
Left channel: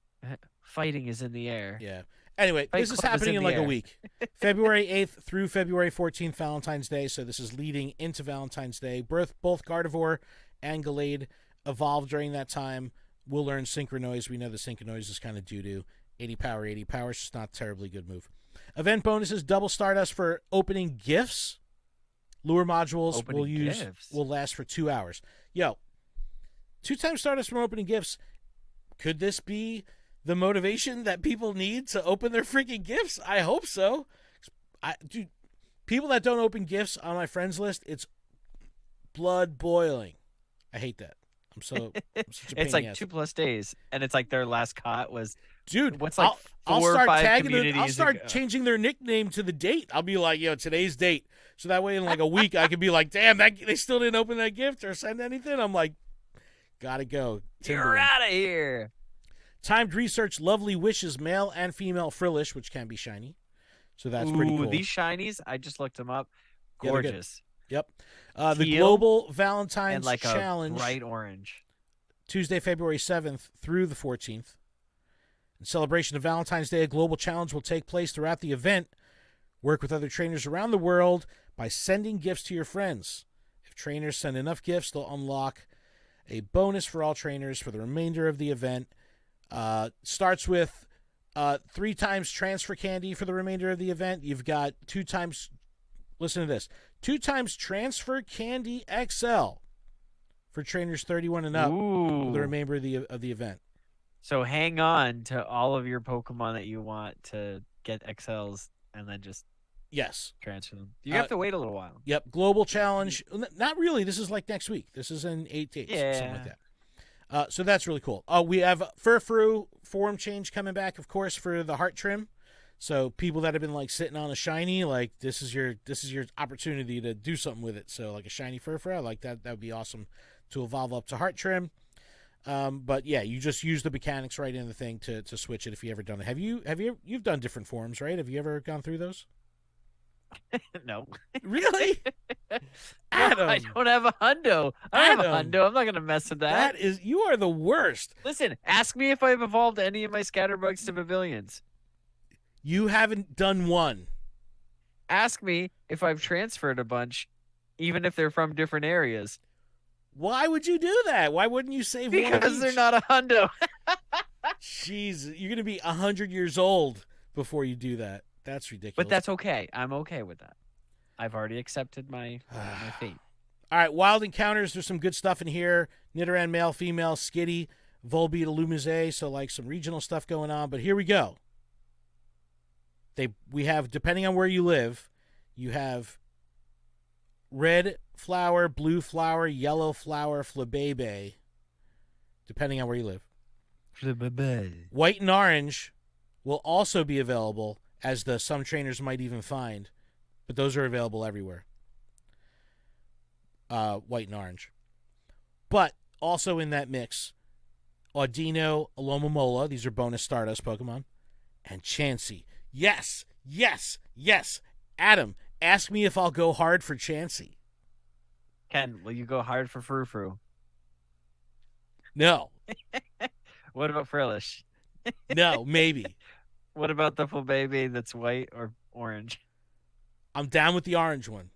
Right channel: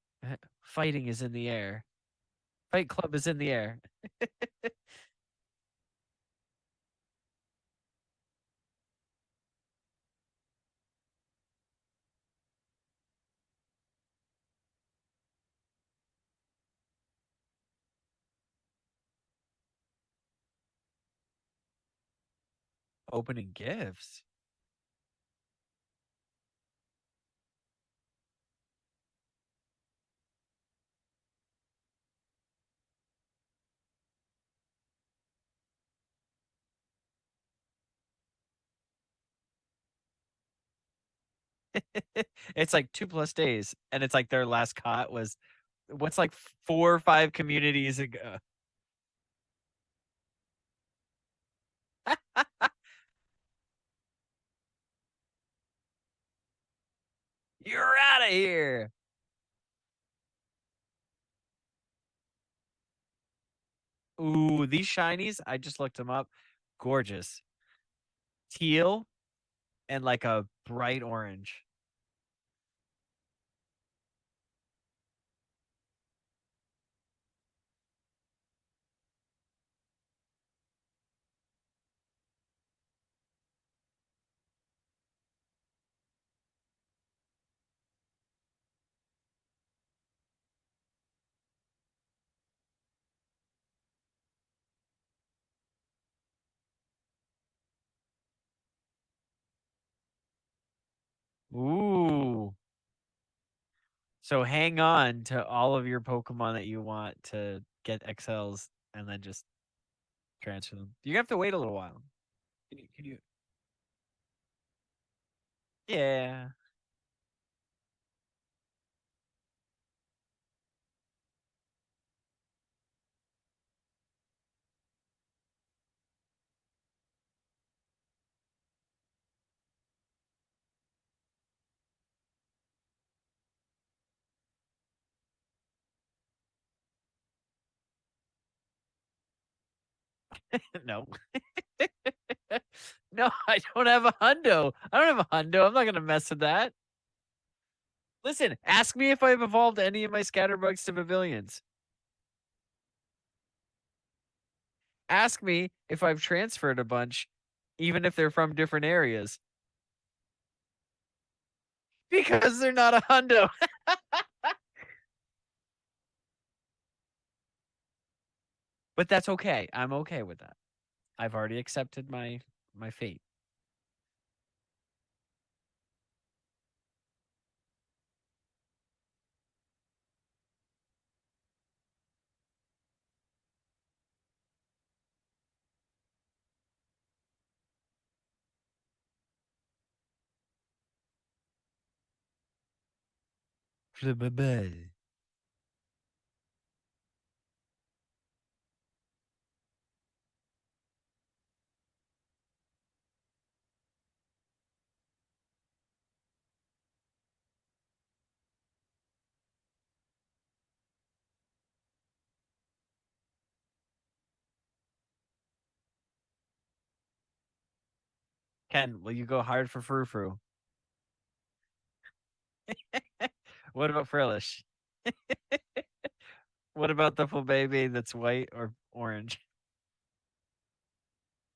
Fighting is in the air. Yeah. Anyway, Fight this is Club happening in a a week. February 8th through February 14th, Valentine's Day. So this is leading into Valentine's Day. Both Gardevoir and Gallade evolved during that time. We'll learn Synchronoise. We know the Synchronoise is kind of due to 80 power. It's just not a terribly good move. Event bonuses, double Stardust for opening gifts. Lure modules will last for 2 hours. 2 times Stardust from opening gifts. Could this be the motivation that people need to open their freaking gifts? I hope so. Dude, people that don't open gifts on my friends list, it's blood boiling. I hate that. I'm such a it's pain in the ass. 2+ days, and it's like their last caught was... Dude, what's 4 or 5 communities I'll start changing their nickname to the date. I'll be like, today's date. So that way in a week I could be like, damn, they still didn't open that gift or send anything. I'm like, gotta go. You're out of here. Timed research, Lovely Wishes, male and female Frillish, which can be shiny. So that's pretty cool. These shinies, I just looked them up. Gorgeous. Yep. The Global Valentine's and Challenge. A bright orange. Tuesday, February 7th through the 14th. In celebration of Valentine's Day, a global challenge will take place throughout the event. Work with other trainers around the world by sending gifts to your friends. If trainers send enough gifts, they'll unlock a bonus for all trainers for the remainder of the event. Starts with 3 times transfer candy for the remainder of the event. You've got 2 times, listen to this, 2 times transfer candy XL for trainers 31 and up for the remainder of the event. So hang on to all of your Pokemon that you want to get XLs and then just transfer them. You have to wait a little while. Yep. Global challenge. Not really. This is next week. This is in 8 days. Yeah. Something like that. So that's really cool. We have Furfrou form change coming back, of course, for the heart trim. So people that have been sitting on a shiny, this is your opportunity to do something with it. So a shiny Furfrou, that would be awesome to evolve up to heart trim. But yeah, you just use the mechanics right in the thing to switch it if you ever done it. You've done different forms, right? Have you ever gone through those? No. Really? No, I don't have a hundo. I don't have a hundo. I'm not going to mess with that. You are the worst. Listen, ask me if I've evolved any of my Scatterbugs to Pavilions. You haven't done one. Ask me if I've transferred a bunch, even if they're from different areas. Why would you do that? Why wouldn't you save Because they're not a hundo. Jeez, you're going to be 100 years old before you do that. That's ridiculous. But that's okay. I'm okay with that. I've already accepted my fate. All right, Wild Encounters. There's some good stuff in here. Nidoran, male, female, Skitty, Volbeat, Lumize. So some regional stuff going on. But here we go. We have, depending on where you live, you have red flower, blue flower, yellow flower, Flabebe, depending on where you live. Flabebe. White and orange will also be available, as some trainers might even find, but those are available everywhere. White and orange. But also in that mix, Audino, Alomomola, these are bonus Stardust Pokemon, and Chansey. Yes, yes, yes. Adam, ask me if I'll go hard for Chansey. Ken, will you go hard for Frou Frou? No, What about Frillish? no, maybe. What about the full baby that's white or orange? I'm down with the orange one.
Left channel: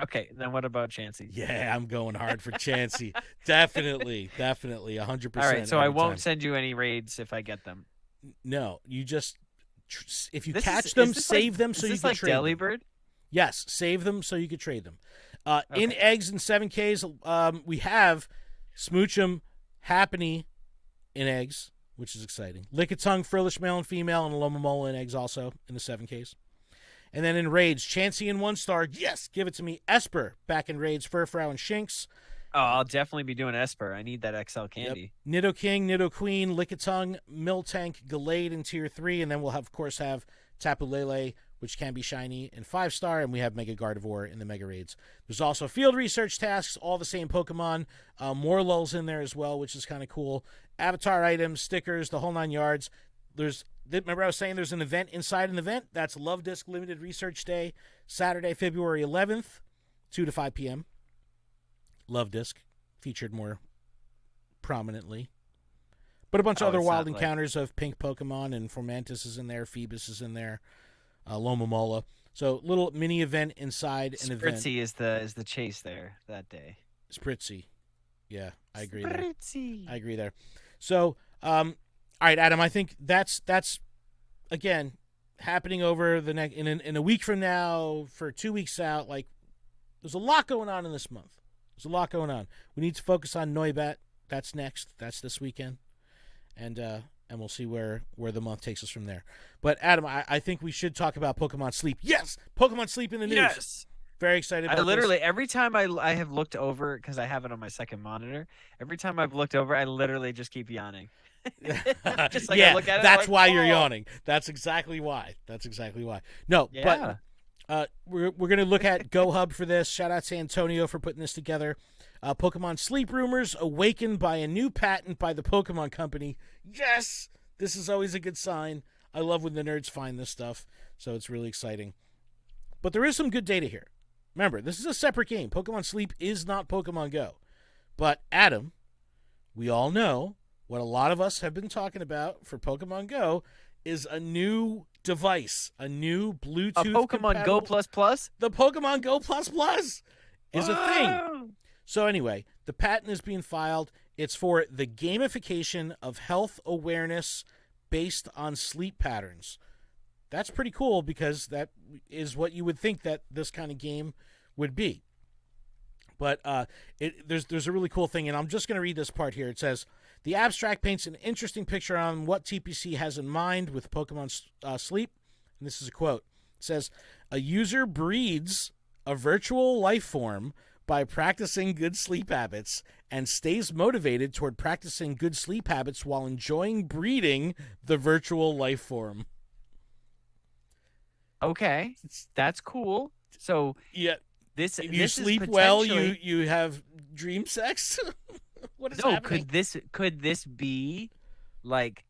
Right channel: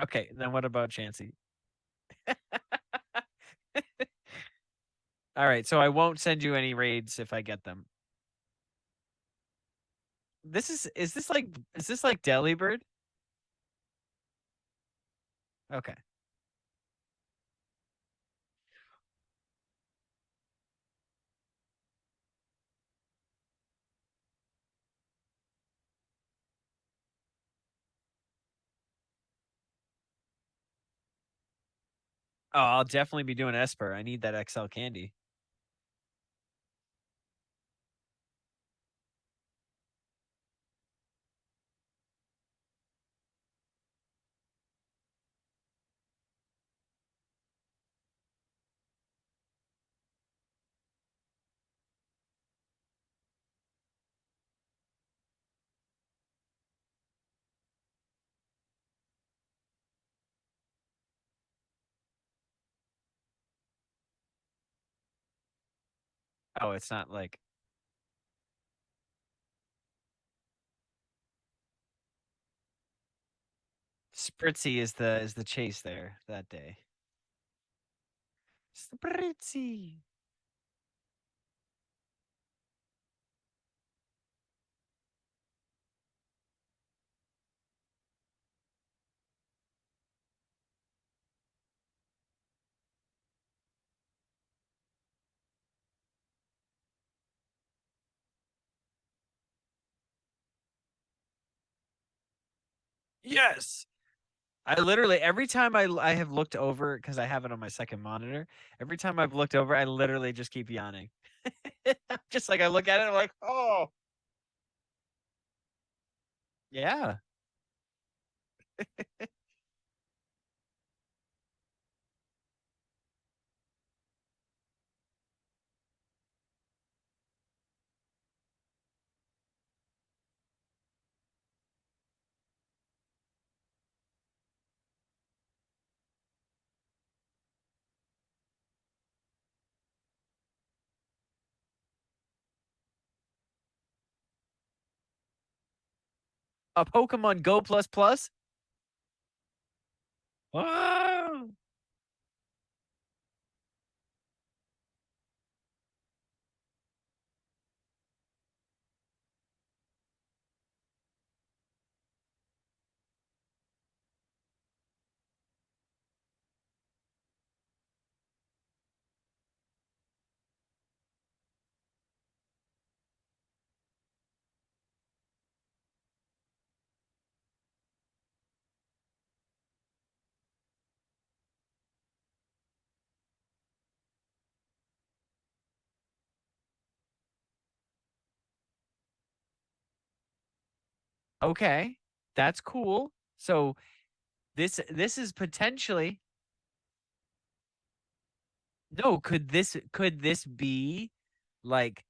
Okay, then what about Chansey? Yeah, I'm going hard for Chansey. Definitely, 100%. All right, so I every won't time. send you any raids if I get them. No, you just if you This catch is them, this save like them is so you this can like trade them. Delibird? Yes, save them so you can trade them. In Okay. eggs and 7Ks, we have Smoochum, Happiny in eggs, which is exciting. Lickitung, Frillish male and female, and Alomomola in eggs also in the 7Ks. And then in raids, Chansey in 1-star. Yes, give it to me. Esper back in raids, Furfrou and Shinx. Oh, I'll definitely be doing Esper. I need that XL candy. Yep. Nidoking, Nidoqueen, Lickitung, Miltank, Gallade in tier 3, and then we'll of course have Tapu Lele, which can be shiny in 5-star, and we have Mega Gardevoir in the Mega Raids. There's also field research tasks, all the same Pokemon. Morlul's in there as well, which is kind of cool. Avatar items, stickers, the whole 9 yards. Remember I was saying there's an event inside an event? That's Love Disc Limited Research Day, Saturday, February 11th, 2 to 5 p.m. Love Disc featured more prominently. But a bunch of other wild encounters of pink Pokemon, and Formantis is in there, Phoebus is in there, Lomomola. So little mini event inside an event. Spritzy is the chase there that day. Spritzy. Yeah, I agree. Spritzy. I agree there. So, all right, Adam, I think that's again happening over the next in a week from now, for 2 weeks out. Like, there's a lot going on in this month. There's a lot going on. We need to focus on Noibat. That's next. That's this weekend, and we'll see where the month takes us from there. But Adam, I think we should talk about Pokemon Sleep. Yes, Pokemon Sleep in the news. Yes. Very excited. I literally every time I have looked over, because I have it on my second monitor. Every time I've looked over, I literally just keep yawning. Just like I look at it. That's like, why you're yawning. That's exactly why. No, yeah. But we're gonna look at Go Hub for this. Shout out to Antonio for putting this together. Pokemon Sleep rumors awakened by a new patent by the Pokemon Company. Yes, this is always a good sign. I love when the nerds find this stuff, so it's really exciting. But there is some good data here. Remember, this is a separate game. Pokemon Sleep is not Pokemon Go. But Adam, we all know what a lot of us have been talking about for Pokemon Go is a new device, a new Bluetooth. A Pokemon Go Plus Plus? The Pokemon Go Plus Plus is a thing. So anyway, the patent is being filed. It's for the gamification of health awareness based on sleep patterns. That's pretty cool, because that is what you would think that this kind of game would be. But there's a really cool thing, and I'm just going to read this part here. It says, the abstract paints an interesting picture on what TPC has in mind with Pokemon Sleep. And this is a quote. It says, a user breeds a virtual life form by practicing good sleep habits and stays motivated toward practicing good sleep habits while enjoying breeding the virtual life form. Okay, that's cool. So yeah, this if you this sleep is potentially well, you have dream sex. What is no. happening? Could this be like?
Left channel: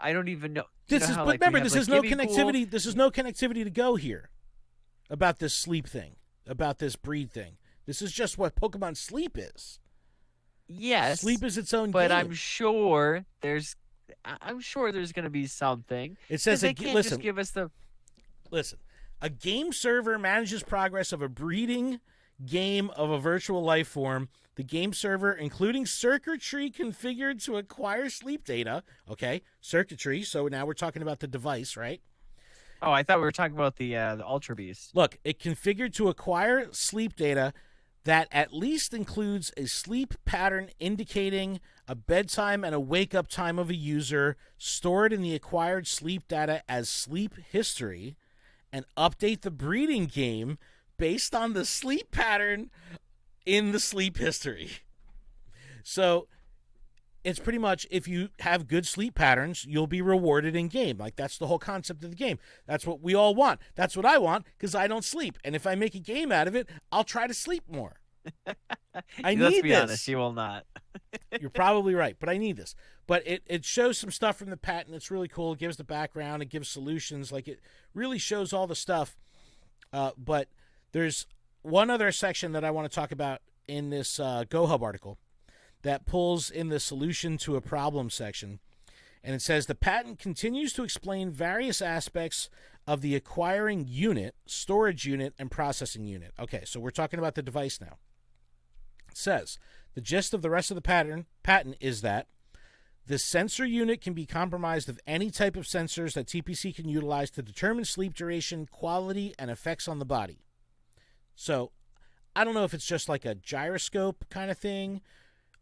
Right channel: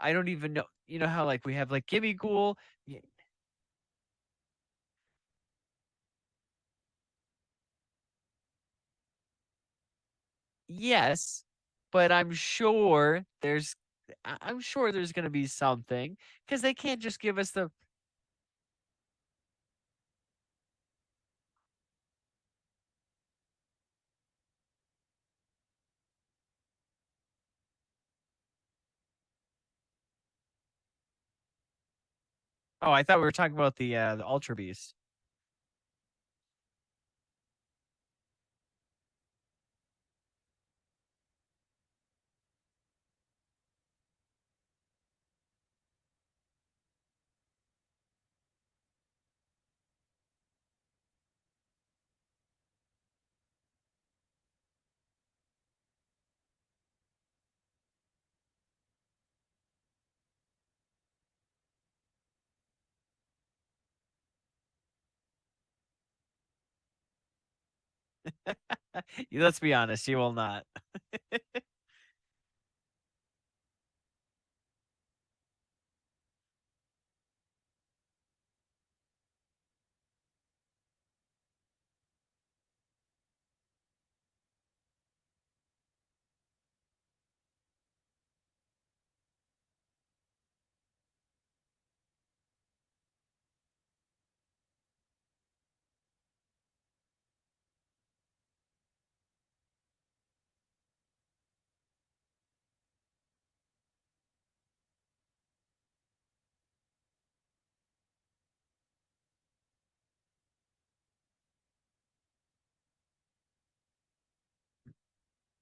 I don't even know. You know how like remember, we have, this is like, no Gibby connectivity. Pool? This is no connectivity to Go here about this sleep thing, about this breed thing. This is just what Pokemon Sleep is. Yes, Sleep is its own but game. I'm sure there's going to be something. It says they can't just give us the. Listen, a game server manages progress of a breeding game of a virtual life form. The game server, including circuitry configured to acquire sleep data. Okay, circuitry. So now we're talking about the device, right? Oh, I thought we were talking about the Ultra Beast. Look, it configured to acquire sleep data that at least includes a sleep pattern indicating a bedtime and a wake-up time of a user, stored in the acquired sleep data as sleep history, and update the breeding game based on the sleep pattern in the sleep history. So it's pretty much, if you have good sleep patterns, you'll be rewarded in game. Like, that's the whole concept of the game. That's what we all want. That's what I want, because I don't sleep. And if I make a game out of it, I'll try to sleep more. Let's be honest, you will not. You're probably right, but I need this. But it shows some stuff from the patent. It's really cool. It gives the background. It gives solutions. Like, it really shows all the stuff. But There's one other section that I want to talk about in this GoHub article that pulls in the solution to a problem section. And it says the patent continues to explain various aspects of the acquiring unit, storage unit, and processing unit. Okay, so we're talking about the device now. It says the gist of the rest of the patent is that the sensor unit can be comprised of any type of sensors that TPC can utilize to determine sleep duration, quality, and effects on the body. So I don't know if it's just like a gyroscope kind of thing.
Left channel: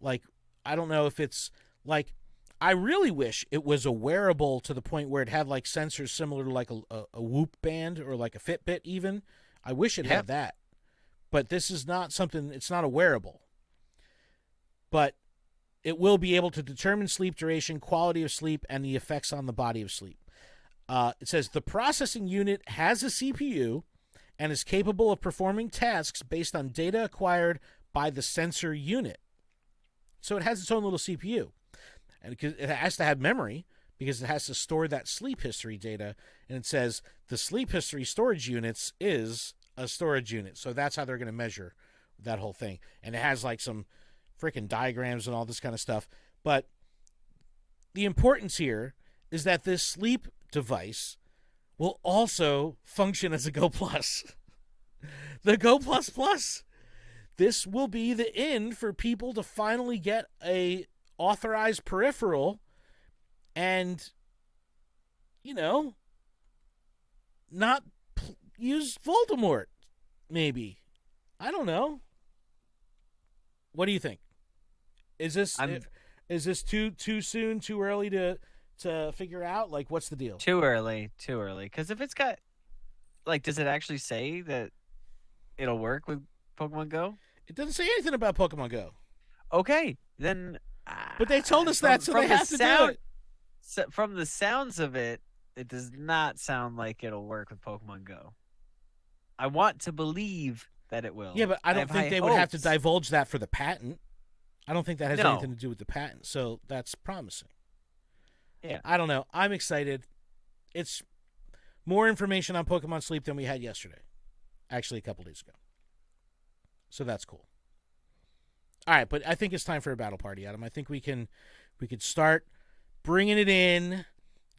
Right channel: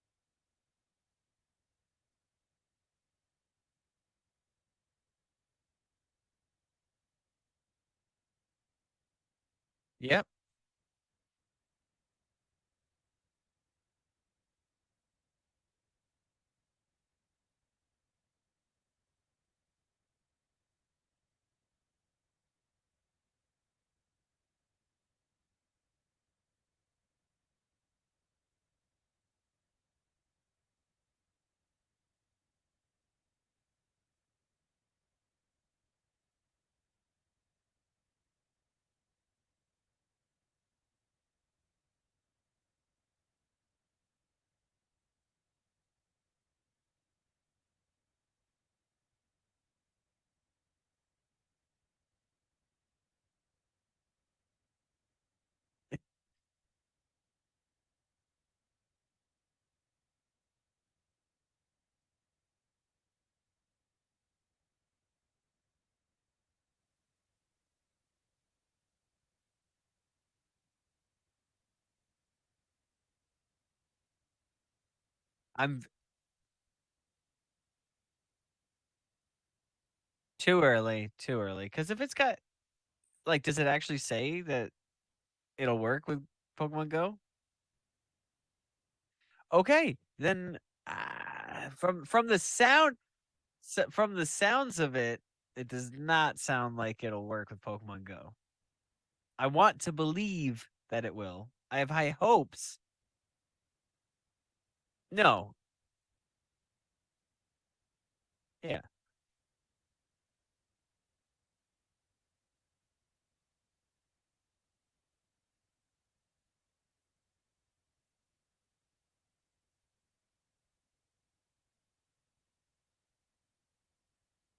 Like, I don't know if it's like, I really wish it was a wearable to the point where it had like sensors similar to like a Whoop band or like a Fitbit even. I wish it had that. But this is not something, it's not a wearable. But it will be able to determine sleep duration, quality of sleep, and the effects on the body of sleep. It says the processing unit has a CPU and is capable of performing tasks based on data acquired by the sensor unit. So it has its own little CPU. And it has to have memory because it has to store that sleep history data. And it says the sleep history storage units is a storage unit. So that's how they're going to measure that whole thing. And it has like some freaking diagrams and all this kind of stuff. But the importance here is that this sleep device will also function as a Go Plus. The Go Plus Plus. This will be the in for people to finally get a authorized peripheral and, you know, not use Voldemort, maybe. I don't know. What do you think? Is this too soon, too early to figure out? Like, what's the deal? Too early. Because if it's got, like, does it actually say that it'll work with Pokemon Go? It doesn't say anything about Pokemon Go. Okay, then. But they told us that, so from they the have to sound, do it. So from the sounds of it, it does not sound like it'll work with Pokemon Go. I want to believe that it will. Yeah, but I don't think they would have to divulge that for the patent. I don't think that has anything to do with the patent, so that's promising. Yeah. I don't know. I'm excited. It's more information on Pokemon Sleep than we had yesterday. Actually, a couple days ago. So that's cool. All right, but I think it's time for a battle party, Adam. I think we could start bringing it in.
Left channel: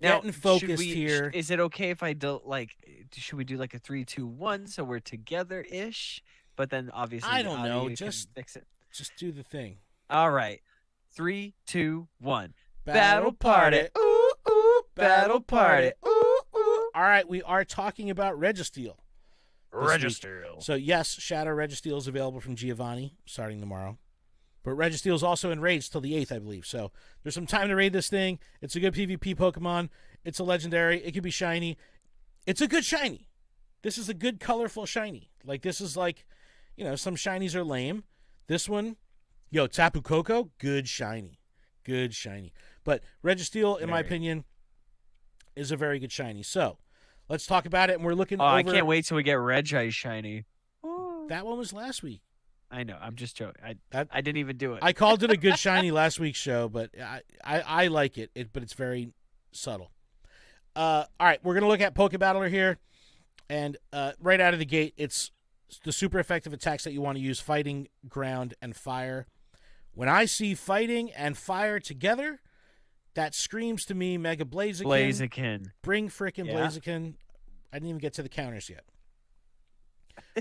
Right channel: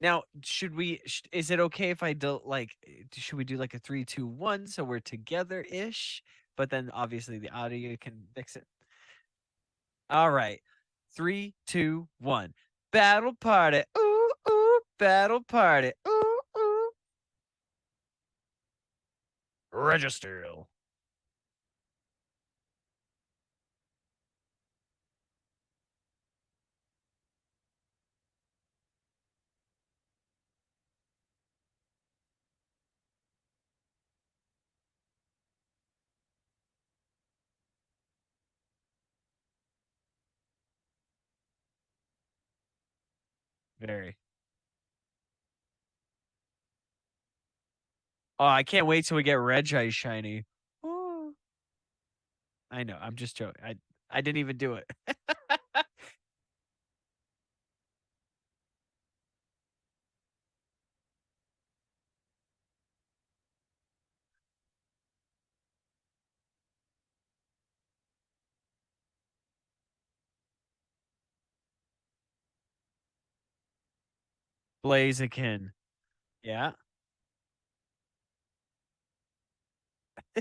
Now, should we? Here. Is it okay if I do should we do like a 3, 2, 1 so we're together ish? But then obviously the audio can fix it. Just do the thing. All right, 3, 2, 1. Battle party. Ooh ooh. Battle party. Ooh ooh. All right, we are talking about Registeel. Registeel. So yes, Shadow Registeel is available from Giovanni starting tomorrow. But Registeel is also in raids till the 8th, I believe. So there's some time to raid this thing. It's a good PvP Pokemon. It's a legendary. It could be shiny. It's a good shiny. This is a good, colorful shiny. Like, this is like, you know, some shinies are lame. This one, Tapu Koko, good shiny. Good shiny. But Registeel, in my opinion, is a very good shiny. So let's talk about it. And we're looking over... I can't wait till we get Reggie shiny. That one was last week. I know. I'm just joking. I didn't even do it. I called it a good shiny last week's show, but I like it. But it's very subtle. All right, we're going to look at Pokebattler here. And right out of the gate, it's the super effective attacks that you want to use: fighting, ground, and fire. When I see fighting and fire together, that screams to me Mega Blaziken. Blaziken. Bring frickin' Blaziken. I didn't even get to the counters yet.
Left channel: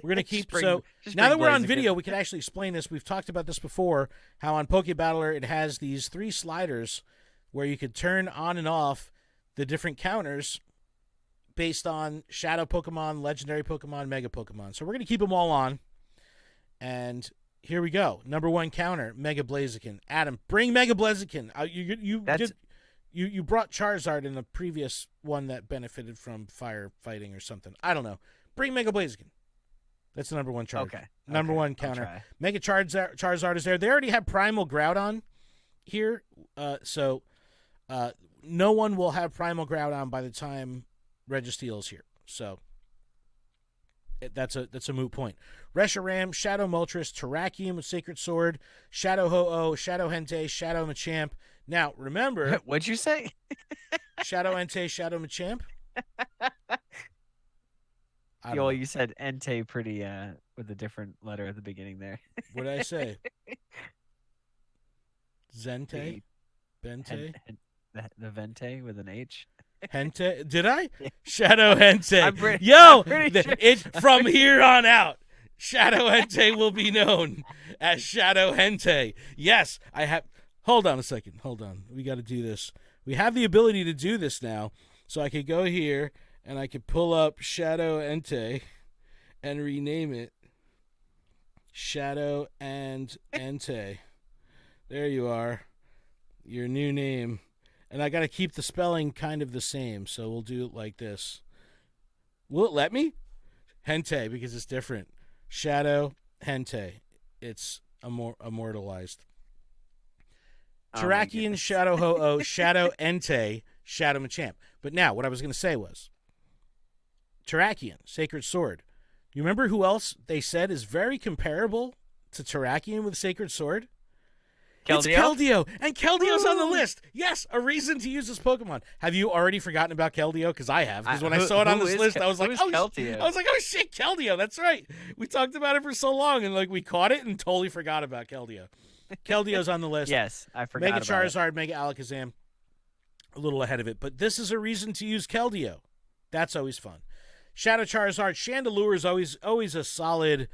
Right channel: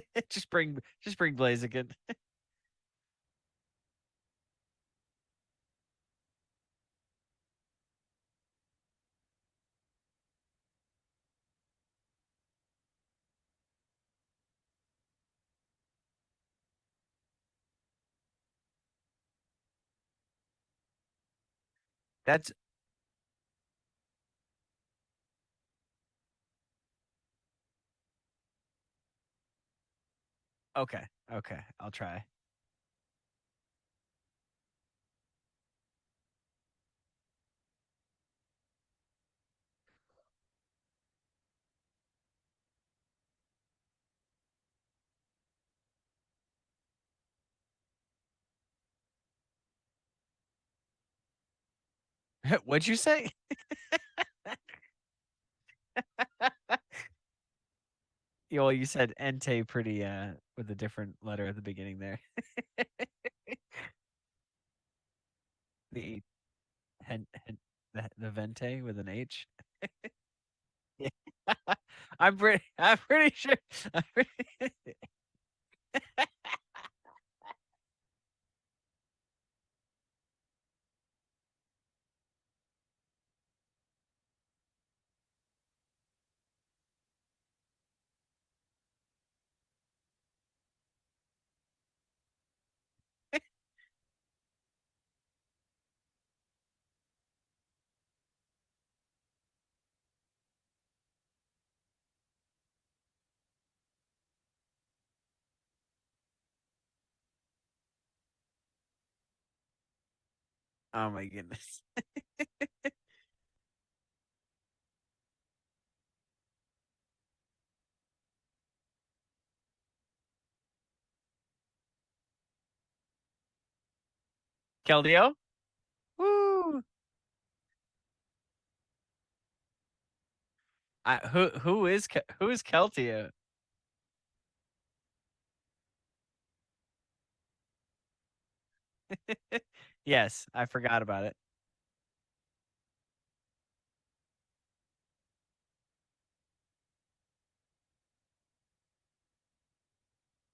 We're going to keep... now that we're on video, we can actually explain this. We've talked about this before, how on Pokebattler it has these 3 sliders where you could turn on and off the different counters based on Shadow Pokemon, Legendary Pokemon, Mega Pokemon. So we're going to keep them all on. And here we go. Number 1 counter, Mega Blaziken. Adam, bring Mega Blaziken. You brought Charizard in the previous one that benefited from fire fighting or something. I don't know. Bring Mega Blaziken. That's the number 1 Charizard. Okay. Number 1 counter. Mega Charizard is there. They already have Primal Groudon here. So no one will have Primal Groudon by the time Registeel is here. So that's a moot point. Reshiram, Shadow Moltres, Terrakium with Sacred Sword, Shadow Ho-Oh, Shadow Hentei, Shadow Machamp. Now, remember... What'd you say? Shadow Entei, Shadow Machamp. I don't Well, know. you said Entei pretty with a different letter at the beginning there. What did I say? Zente? The hen, Bente? hen, the Vente with an H. Hente? Did I? Yeah. Shadow Hente. I'm Yo, pretty sure. it from here on out, Shadow Hente will be known as Shadow Hente. Yes, I have. Hold on a second. Hold on. We got to do this. We have the ability to do this now, so I could go here and I could pull up Shadow Hente and rename it Shadow and Hente. There you are. Your new name. And I got to keep the spelling kind of the same, so we'll do it like this. Will it let me? Hente, because it's different. Shadow Hente. It's immortalized. Terrakion, Shadow Ho-Oh, Shadow Entei, Shadow Machamp. But now, what I was going to say was, Terrakion, Sacred Sword. You remember who else they said is very comparable to Terrakion with Sacred Sword? Keldeo? It's Keldeo, and Keldeo's on the list. Yes, a reason to use this Pokemon. Have you already forgotten about Keldeo? Because I have. Because when I saw it on this list, I was like, Keldeo? oh shit, Keldeo. That's right. We talked about it for so long, and like we caught it and totally forgot about Keldeo. Keldeo's on the list. Yes, I forgot Mega about Charizard, Mega Alakazam, a little ahead of it. But this is a reason to use Keldeo. That's always fun. Shadow Charizard, Chandelure is always a solid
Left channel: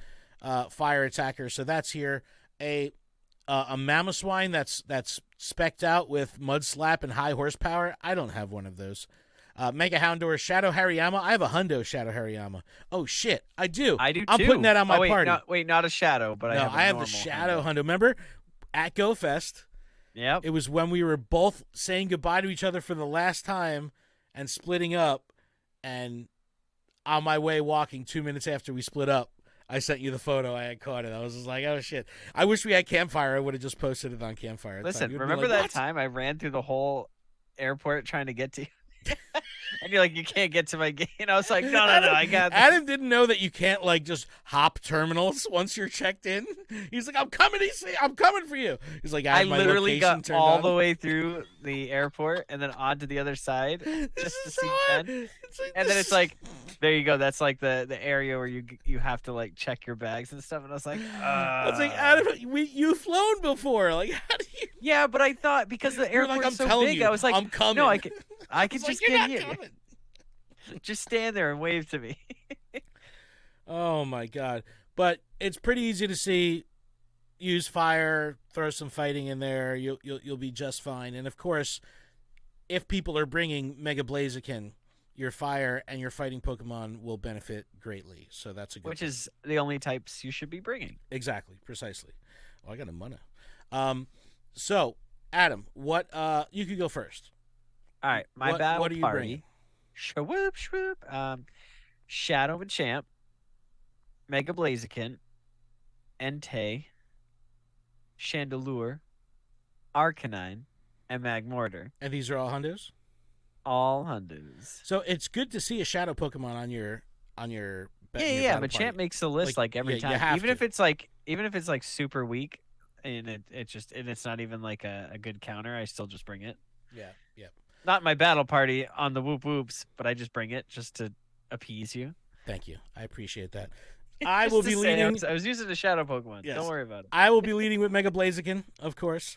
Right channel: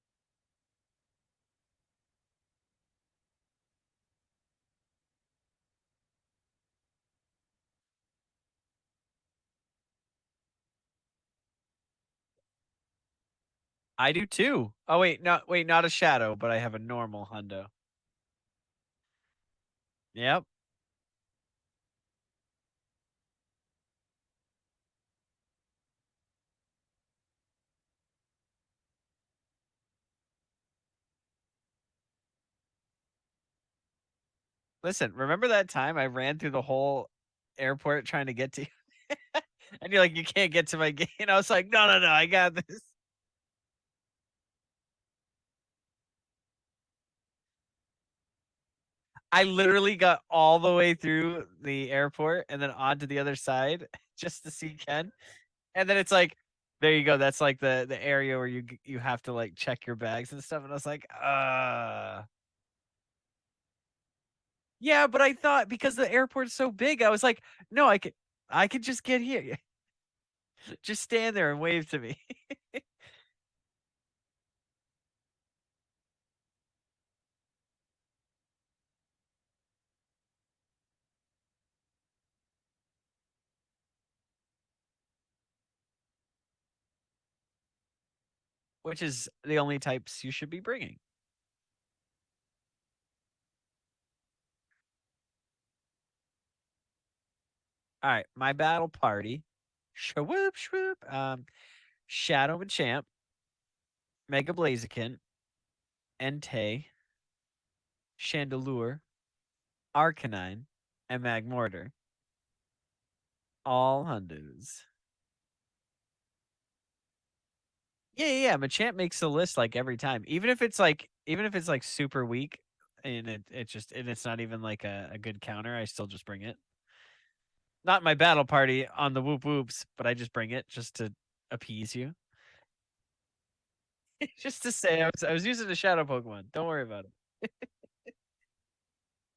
fire attacker, so that's here. A Mamoswine that's specced out with Mud Slap and high horsepower. I don't have one of those. Mega Houndour, Shadow Hariyama. I have a Hundo Shadow Hariyama. Oh shit, I do. I do too. I'm putting that on my party. Not a Shadow, but No, I have a normal the Shadow Hundo. Hundo. Remember at GoFest? Yep. It was when we were both saying goodbye to each other for the last time and splitting up. And on my way walking 2 minutes after we split up, I sent you the photo. I had caught it. I was just like, oh, shit. I wish we had Campfire. I would have just posted it on Campfire. Listen, remember that time I ran through the whole airport trying to get to you? And you're like, you can't get to my gate. And I was like, no, I got this. Adam didn't know that you can't, like, just hop terminals once you're checked in. He's like, I'm coming for you. He's like, I literally got all the way through the airport and then onto the other side just to see Ken. And then it's like, there you go. That's like the area where you have to like check your bags and stuff. And I was like, Adam, you've flown before. Like, how do you? Yeah, but I thought because the airport's so big, I was like, I'm coming. No, I could just get here. Coming. Just stand there and wave to me. Oh my god! But it's pretty easy to see. Use fire, throw some fighting in there. You'll be just fine. And of course, if people are bringing Mega Blaziken, your fire and your fighting Pokemon will benefit greatly. So that's a good. Which is the only types you should be bringing. Exactly, precisely. Oh, I got a mana. So Adam, what? You could go first. All right, my battle party. Shwoop, shwoop. Shadow Machamp, Mega Blaziken, Entei, Chandelure, Arcanine, and Magmortar. And these are all Hundos? All Hundos. So it's good to see a Shadow Pokemon on your Yeah. Machamp makes the list like every time. Even if it's like super weak and it's not even like a good counter, I still just bring it. Yeah. Not my battle party on the whoop whoops, but I just bring it just to appease you. Thank you. I appreciate that. I was using a Shadow Pokemon. Yes. Don't worry about it. I will be leading with Mega Blaziken, of course.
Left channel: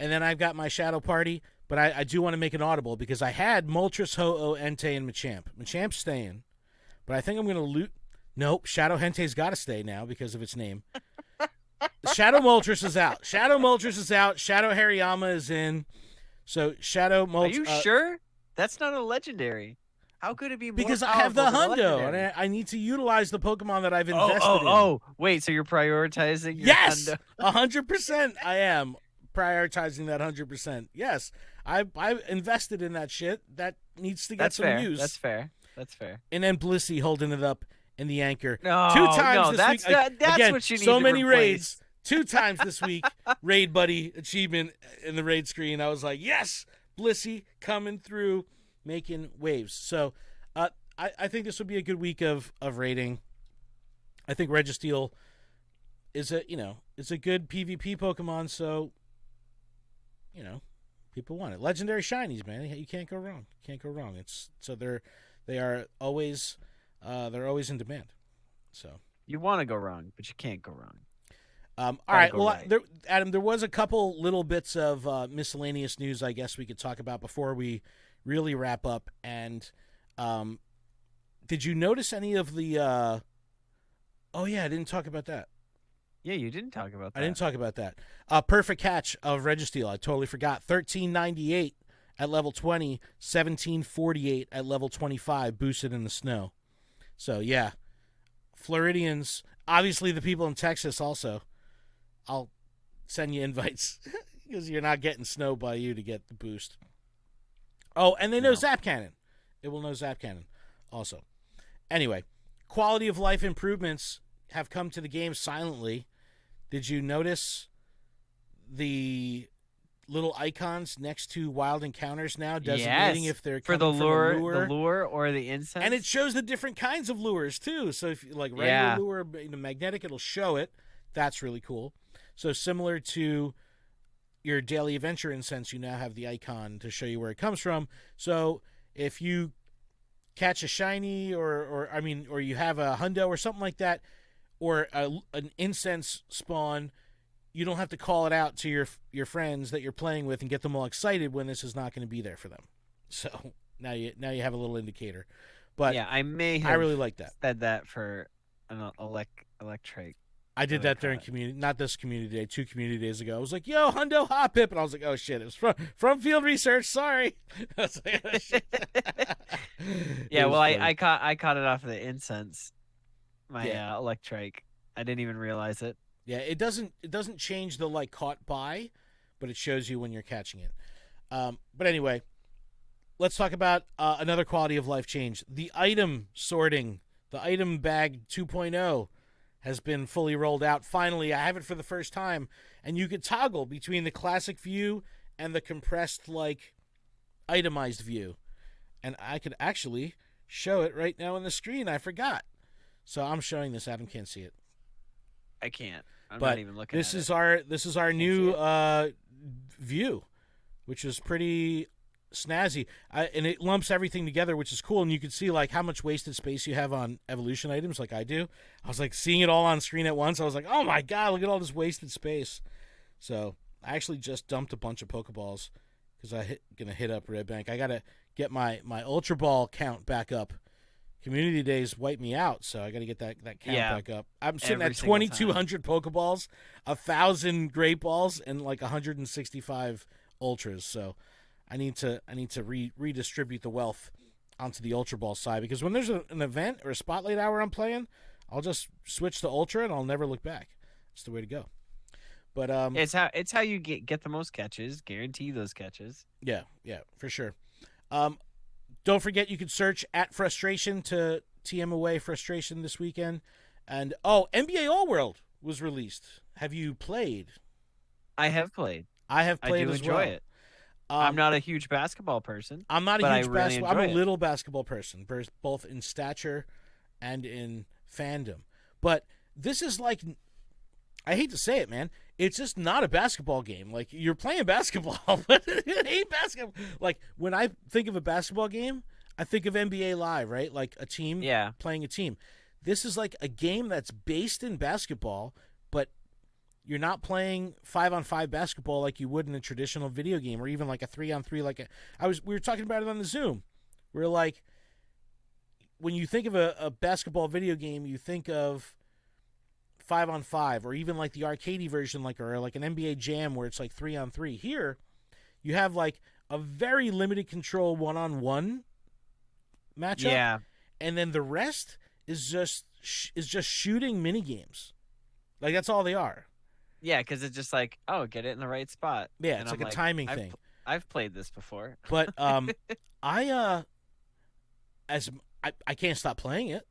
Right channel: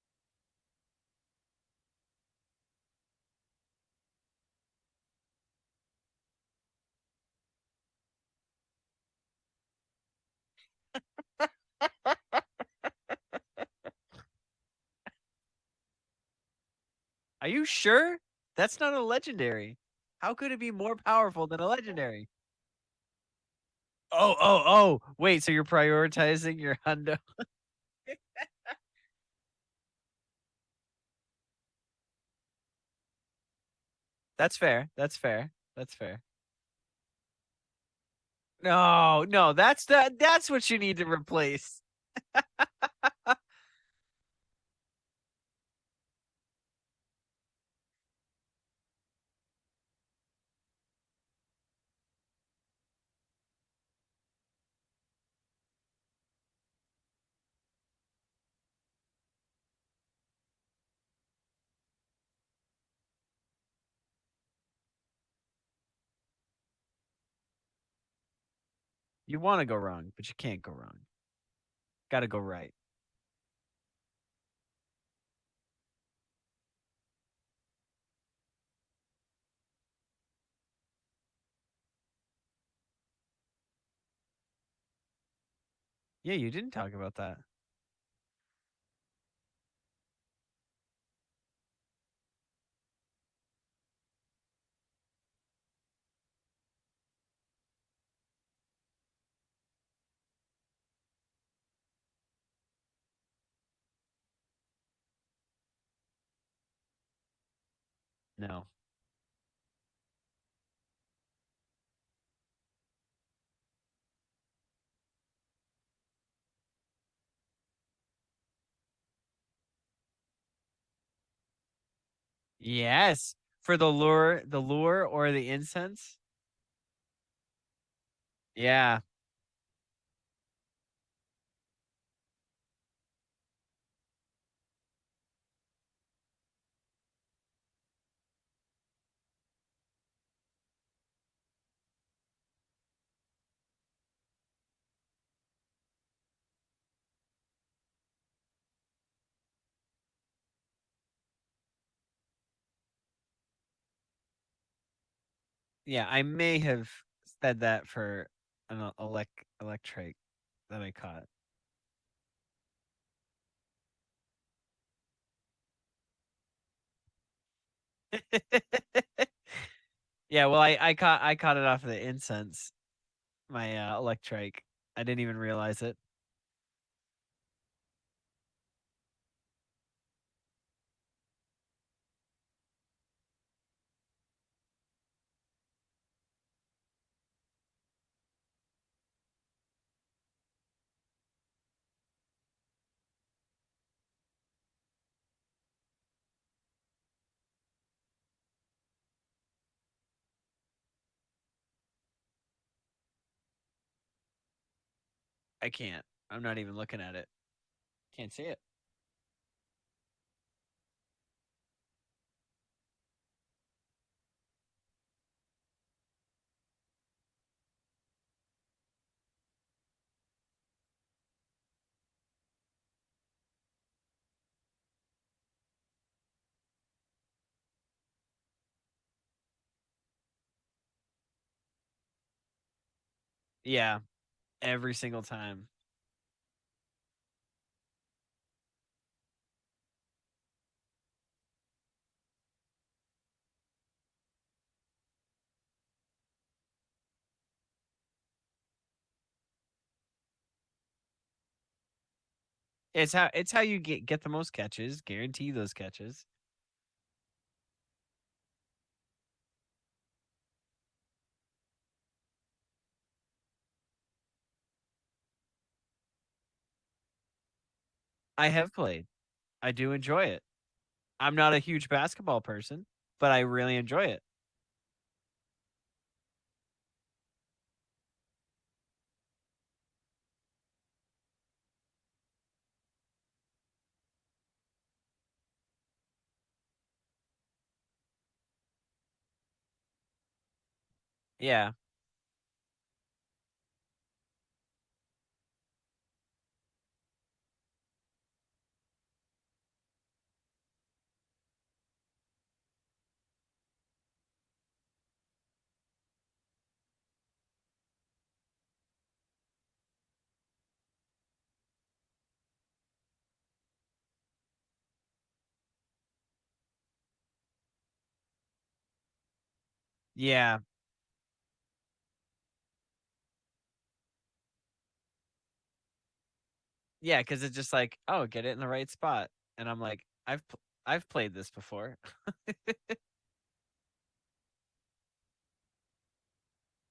And then I've got my Shadow Party, but I do want to make an audible because I had Moltres, Ho-Oh, Entei, and Machamp. Machamp's staying, but I think I'm going to loot. Nope, Shadow Hentei's got to stay now because of its name. Shadow Moltres is out. Shadow Hariyama is in. So Shadow Moltres. Are you sure? That's not a legendary. How could it be more because powerful I have the than a Hundo, legendary? and I need to utilize the Pokemon that I've invested in. Oh! Wait, so you're prioritizing your Hundo? 100%. I am prioritizing that 100%. Yes, I invested in that shit. That needs to get some use. That's fair. And then Blissey holding it up in the anchor. That's again, what you need so to many replace. Raids. 2 times this week, Raid Buddy achievement in the raid screen. I was like, yes, Blissey coming through, making waves. So I think this would be a good week of raiding. I think Registeel is it's a good PvP Pokemon, so people want it. Legendary shinies, man. You can't go wrong. They are always they're always in demand. So You want to go wrong, but you can't go wrong. all Gotta right, go well, right. Adam, there was a couple little bits of miscellaneous news I guess we could talk about before we really wrap up. And did you notice any of the? Oh yeah, I didn't talk about that. Yeah, you didn't talk about I didn't that. talk about that. Perfect catch of Registeel. I totally forgot. 1398 at level 20, 1748 at level 25, boosted in the snow. So yeah, Floridians. Obviously, the people in Texas also. I'll send you invites because you're not getting snow by you to get the boost. Oh, and they know No. Zap Cannon. It will know Zap Cannon also. Anyway, quality of life improvements have come to the game silently. Did you notice the little icons next to wild encounters now designating Yes. if they're For the coming from a lure, lure? or the incense. And it shows the different kinds of lures too. So if you like regular Yeah. lure, magnetic, it'll show it. That's really cool. So similar to your daily adventure incense, you now have the icon to show you where it comes from. So if you catch a shiny or you have a hundo or something like that, or an incense spawn, you don't have to call it out to your friends that you're playing with and get them all excited when this is not going to be there for them. So now you have a little indicator. But yeah, I may have really like that. said that for an electric. I did that during community, not this community day, 2 community days ago. I was like, "Yo, hundo hot pip," and I was like, "Oh shit, it was from field research." Sorry. I was like, "Oh, shit." Yeah, It was well, funny. I caught it off of the incense. My electric. I didn't even realize it. Yeah, it doesn't change the like caught by, but it shows you when you're catching it. But anyway, let's talk about another quality of life change. The item sorting, the item bag 2.0 has been fully rolled out. Finally, I have it for the first time, and you could toggle between the classic view and the compressed like itemized view. And I could actually show it right now on the screen. I forgot. So I'm showing this. Adam can't see it. I can't. I'm But not even looking this at is it. this is our Can't see new it. view, which is pretty snazzy, and it lumps everything together, which is cool. And you can see like how much wasted space you have on evolution items, like I do. I was like seeing it all on screen at once. I was like, oh my god, look at all this wasted space. So I actually just dumped a bunch of Pokeballs because gonna hit up Red Bank. I gotta get my Ultra Ball count back up. Community days wiped me out, so I got to get that count back up. I'm sitting every at single 2,200 Pokeballs, 1,000 Great Balls, and like 165 Ultras. So I need to redistribute the wealth onto the Ultra Ball side, because when there's an event or a spotlight hour I'm playing, I'll just switch to Ultra and I'll never look back. It's the way to go. But It's how you get the most catches, guarantee those catches. yeah, for sure. Don't forget, you can search at Frustration to TM away Frustration this weekend. And, NBA All World was released. Have you played? I have played. I have I played do as enjoy well. it. I'm not a huge basketball person, I'm not a but I huge really basketball. enjoy I'm a it. little basketball person, both in stature and in fandom. But this is like, I hate to say it, man. It's just not a basketball game. Like, you're playing basketball, but it ain't basketball. Like, when I think of a basketball game, I think of NBA Live, right? Like a team playing a team. This is like a game that's based in basketball, but you're not playing 5-on-5 basketball like you would in a traditional video game, or even like a 3-on-3. We were talking about it on the Zoom. We're like, when you think of a basketball video game, you think of 5-on-5, or even like the arcadey version, or like an NBA Jam where it's like 3-on-3. Here, you have like a very limited control 1-on-1 matchup. Yeah. And then the rest is just shooting mini games. Like, that's all they are. Yeah, because it's just like, oh, get it in the right spot. Yeah, and it's I'm like a timing thing. I've played this before. But I can't stop playing it.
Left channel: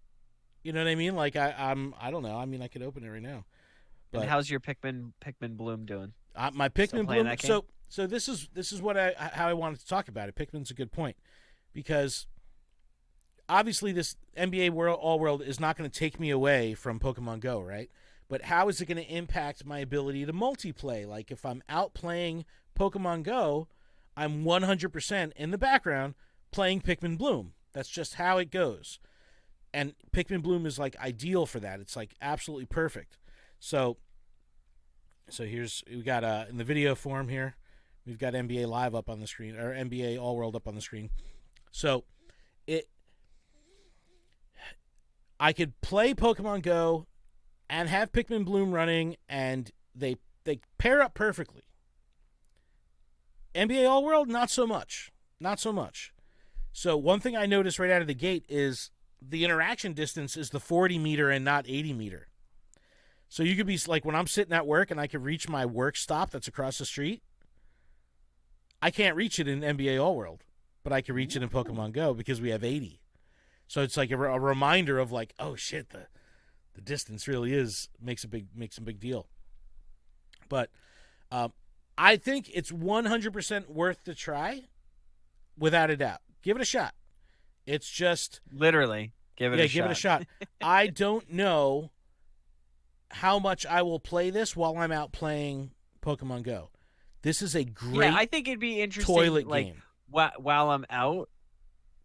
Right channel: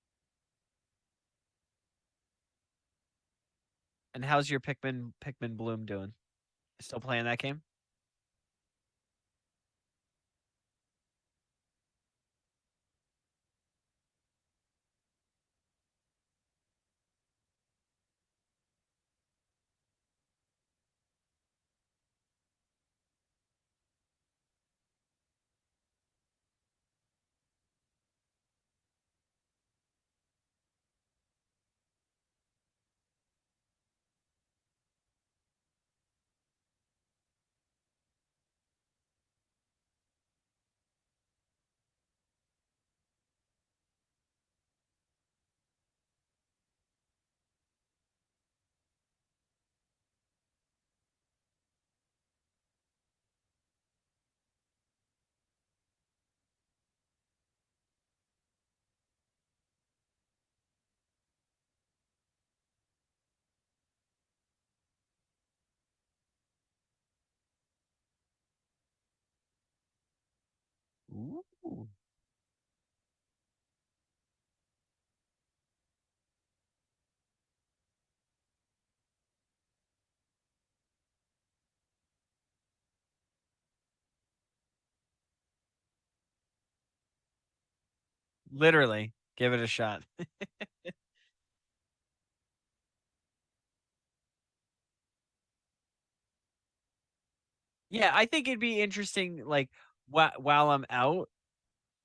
You know what I mean? Like, I don't know. I mean, I could open it right now. And But how's your Pikmin Bloom doing? my Pikmin Still playing Bloom. that game? So this is how I wanted to talk about it. Pikmin's a good point, because obviously this NBA All World is not going to take me away from Pokemon Go, right? But how is it going to impact my ability to multiplay? Like, if I'm out playing Pokemon Go, I'm 100% in the background playing Pikmin Bloom. That's just how it goes. And Pikmin Bloom is like ideal for that. It's like absolutely perfect. So here's we got in the video form here, we've got NBA Live up on the screen, or NBA All World up on the screen. So I could play Pokemon Go and have Pikmin Bloom running, and they pair up perfectly. NBA All World, not so much. Not so much. So one thing I noticed right out of the gate is the interaction distance is the 40 meter and not 80 meter. So you could be like, when I'm sitting at work and I could reach my work stop that's across the street, I can't reach it in NBA All World, but I can reach it in Pokemon Go because we have 80. So it's like a reminder of like, oh shit, the distance really makes a big deal. But I think it's 100% worth the try, without a doubt. Give it a shot. It's just literally give it a shot. Give it a shot. I don't know how much I will play this while I'm out playing Pokemon Go. This is a great I think it'd be interesting, like game. While I'm out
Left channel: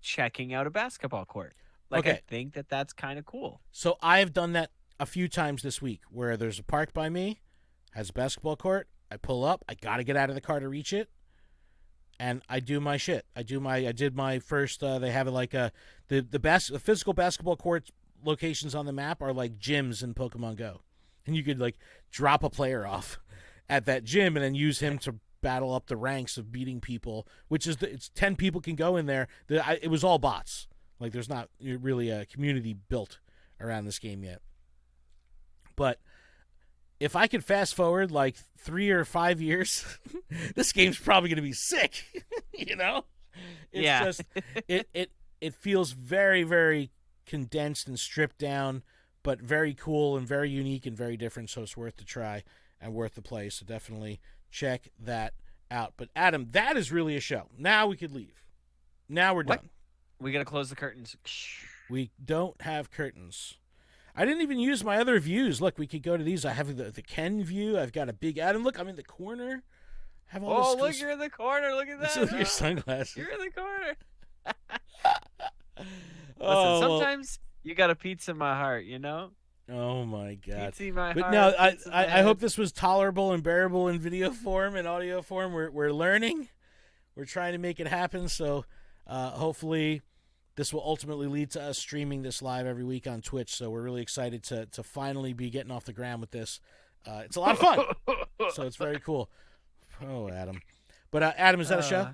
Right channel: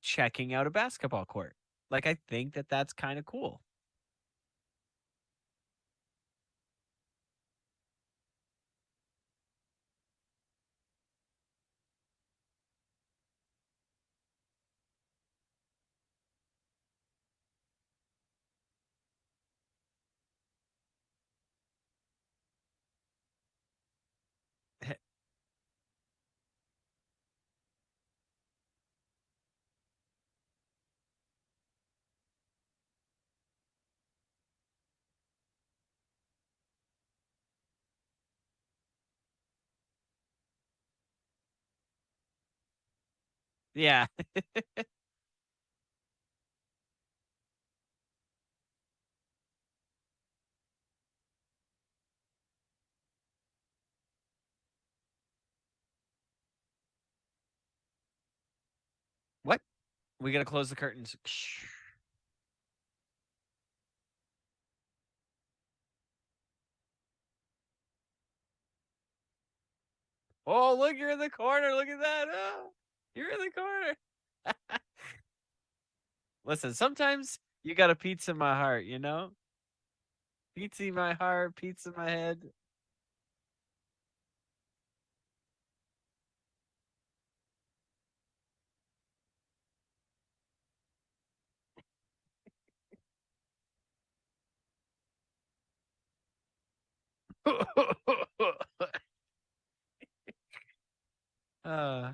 checking out a basketball court. Like, okay. I think that's kind of cool. So I have done that a few times this week, where there's a park by me, has a basketball court. I pull up. I got to get out of the car to reach it. And I do my shit. I did my first. They have like the physical basketball court locations on the map are like gyms in Pokemon Go, and you could like drop a player off at that gym and then use him to battle up the ranks of beating people. Which is it's 10 people can go in there. It was all bots. Like there's not really a community built around this game yet. But if I could fast forward like 3 or 5 years, this game's probably going to be sick. You know? It's just it feels very, very condensed and stripped down, but very cool and very unique and very different. So it's worth the try and worth the play. So definitely check that out. But Adam, that is really a show. Now we could leave. Now we're done. We got to close the curtains. We don't have curtains. I didn't even use my other views. Look, we could go to these. I have the Ken view. I've got a big Adam. Look, I'm in the corner. Look, you're in the corner. Look at that. Look at your sunglasses. You're in the corner. Listen, sometimes you got a pizza in my heart, you know? Oh, my God. Pizza in my but heart. No, I hope this was tolerable and bearable in video form and audio form. We're learning. We're trying to make it happen. So hopefully this will ultimately lead to us streaming this live every week on Twitch. So we're really excited to finally be getting off the ground with this. It's a lot of fun. So it's very cool. Oh, Adam. But Adam, is that a show?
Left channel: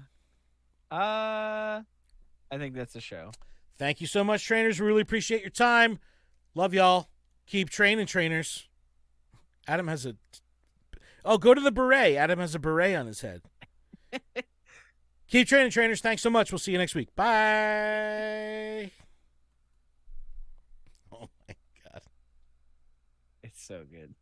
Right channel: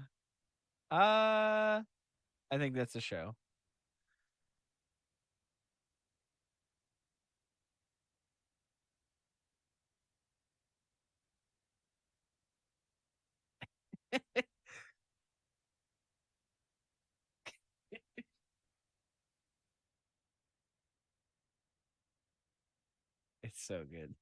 I think that's a show. Thank you so much, trainers. We really appreciate your time. Love y'all. Keep training, trainers. Adam has a... Oh, go to the beret. Adam has a beret on his head. Keep training, trainers. Thanks so much. We'll see you next week. Bye. Oh, my God. It's so good.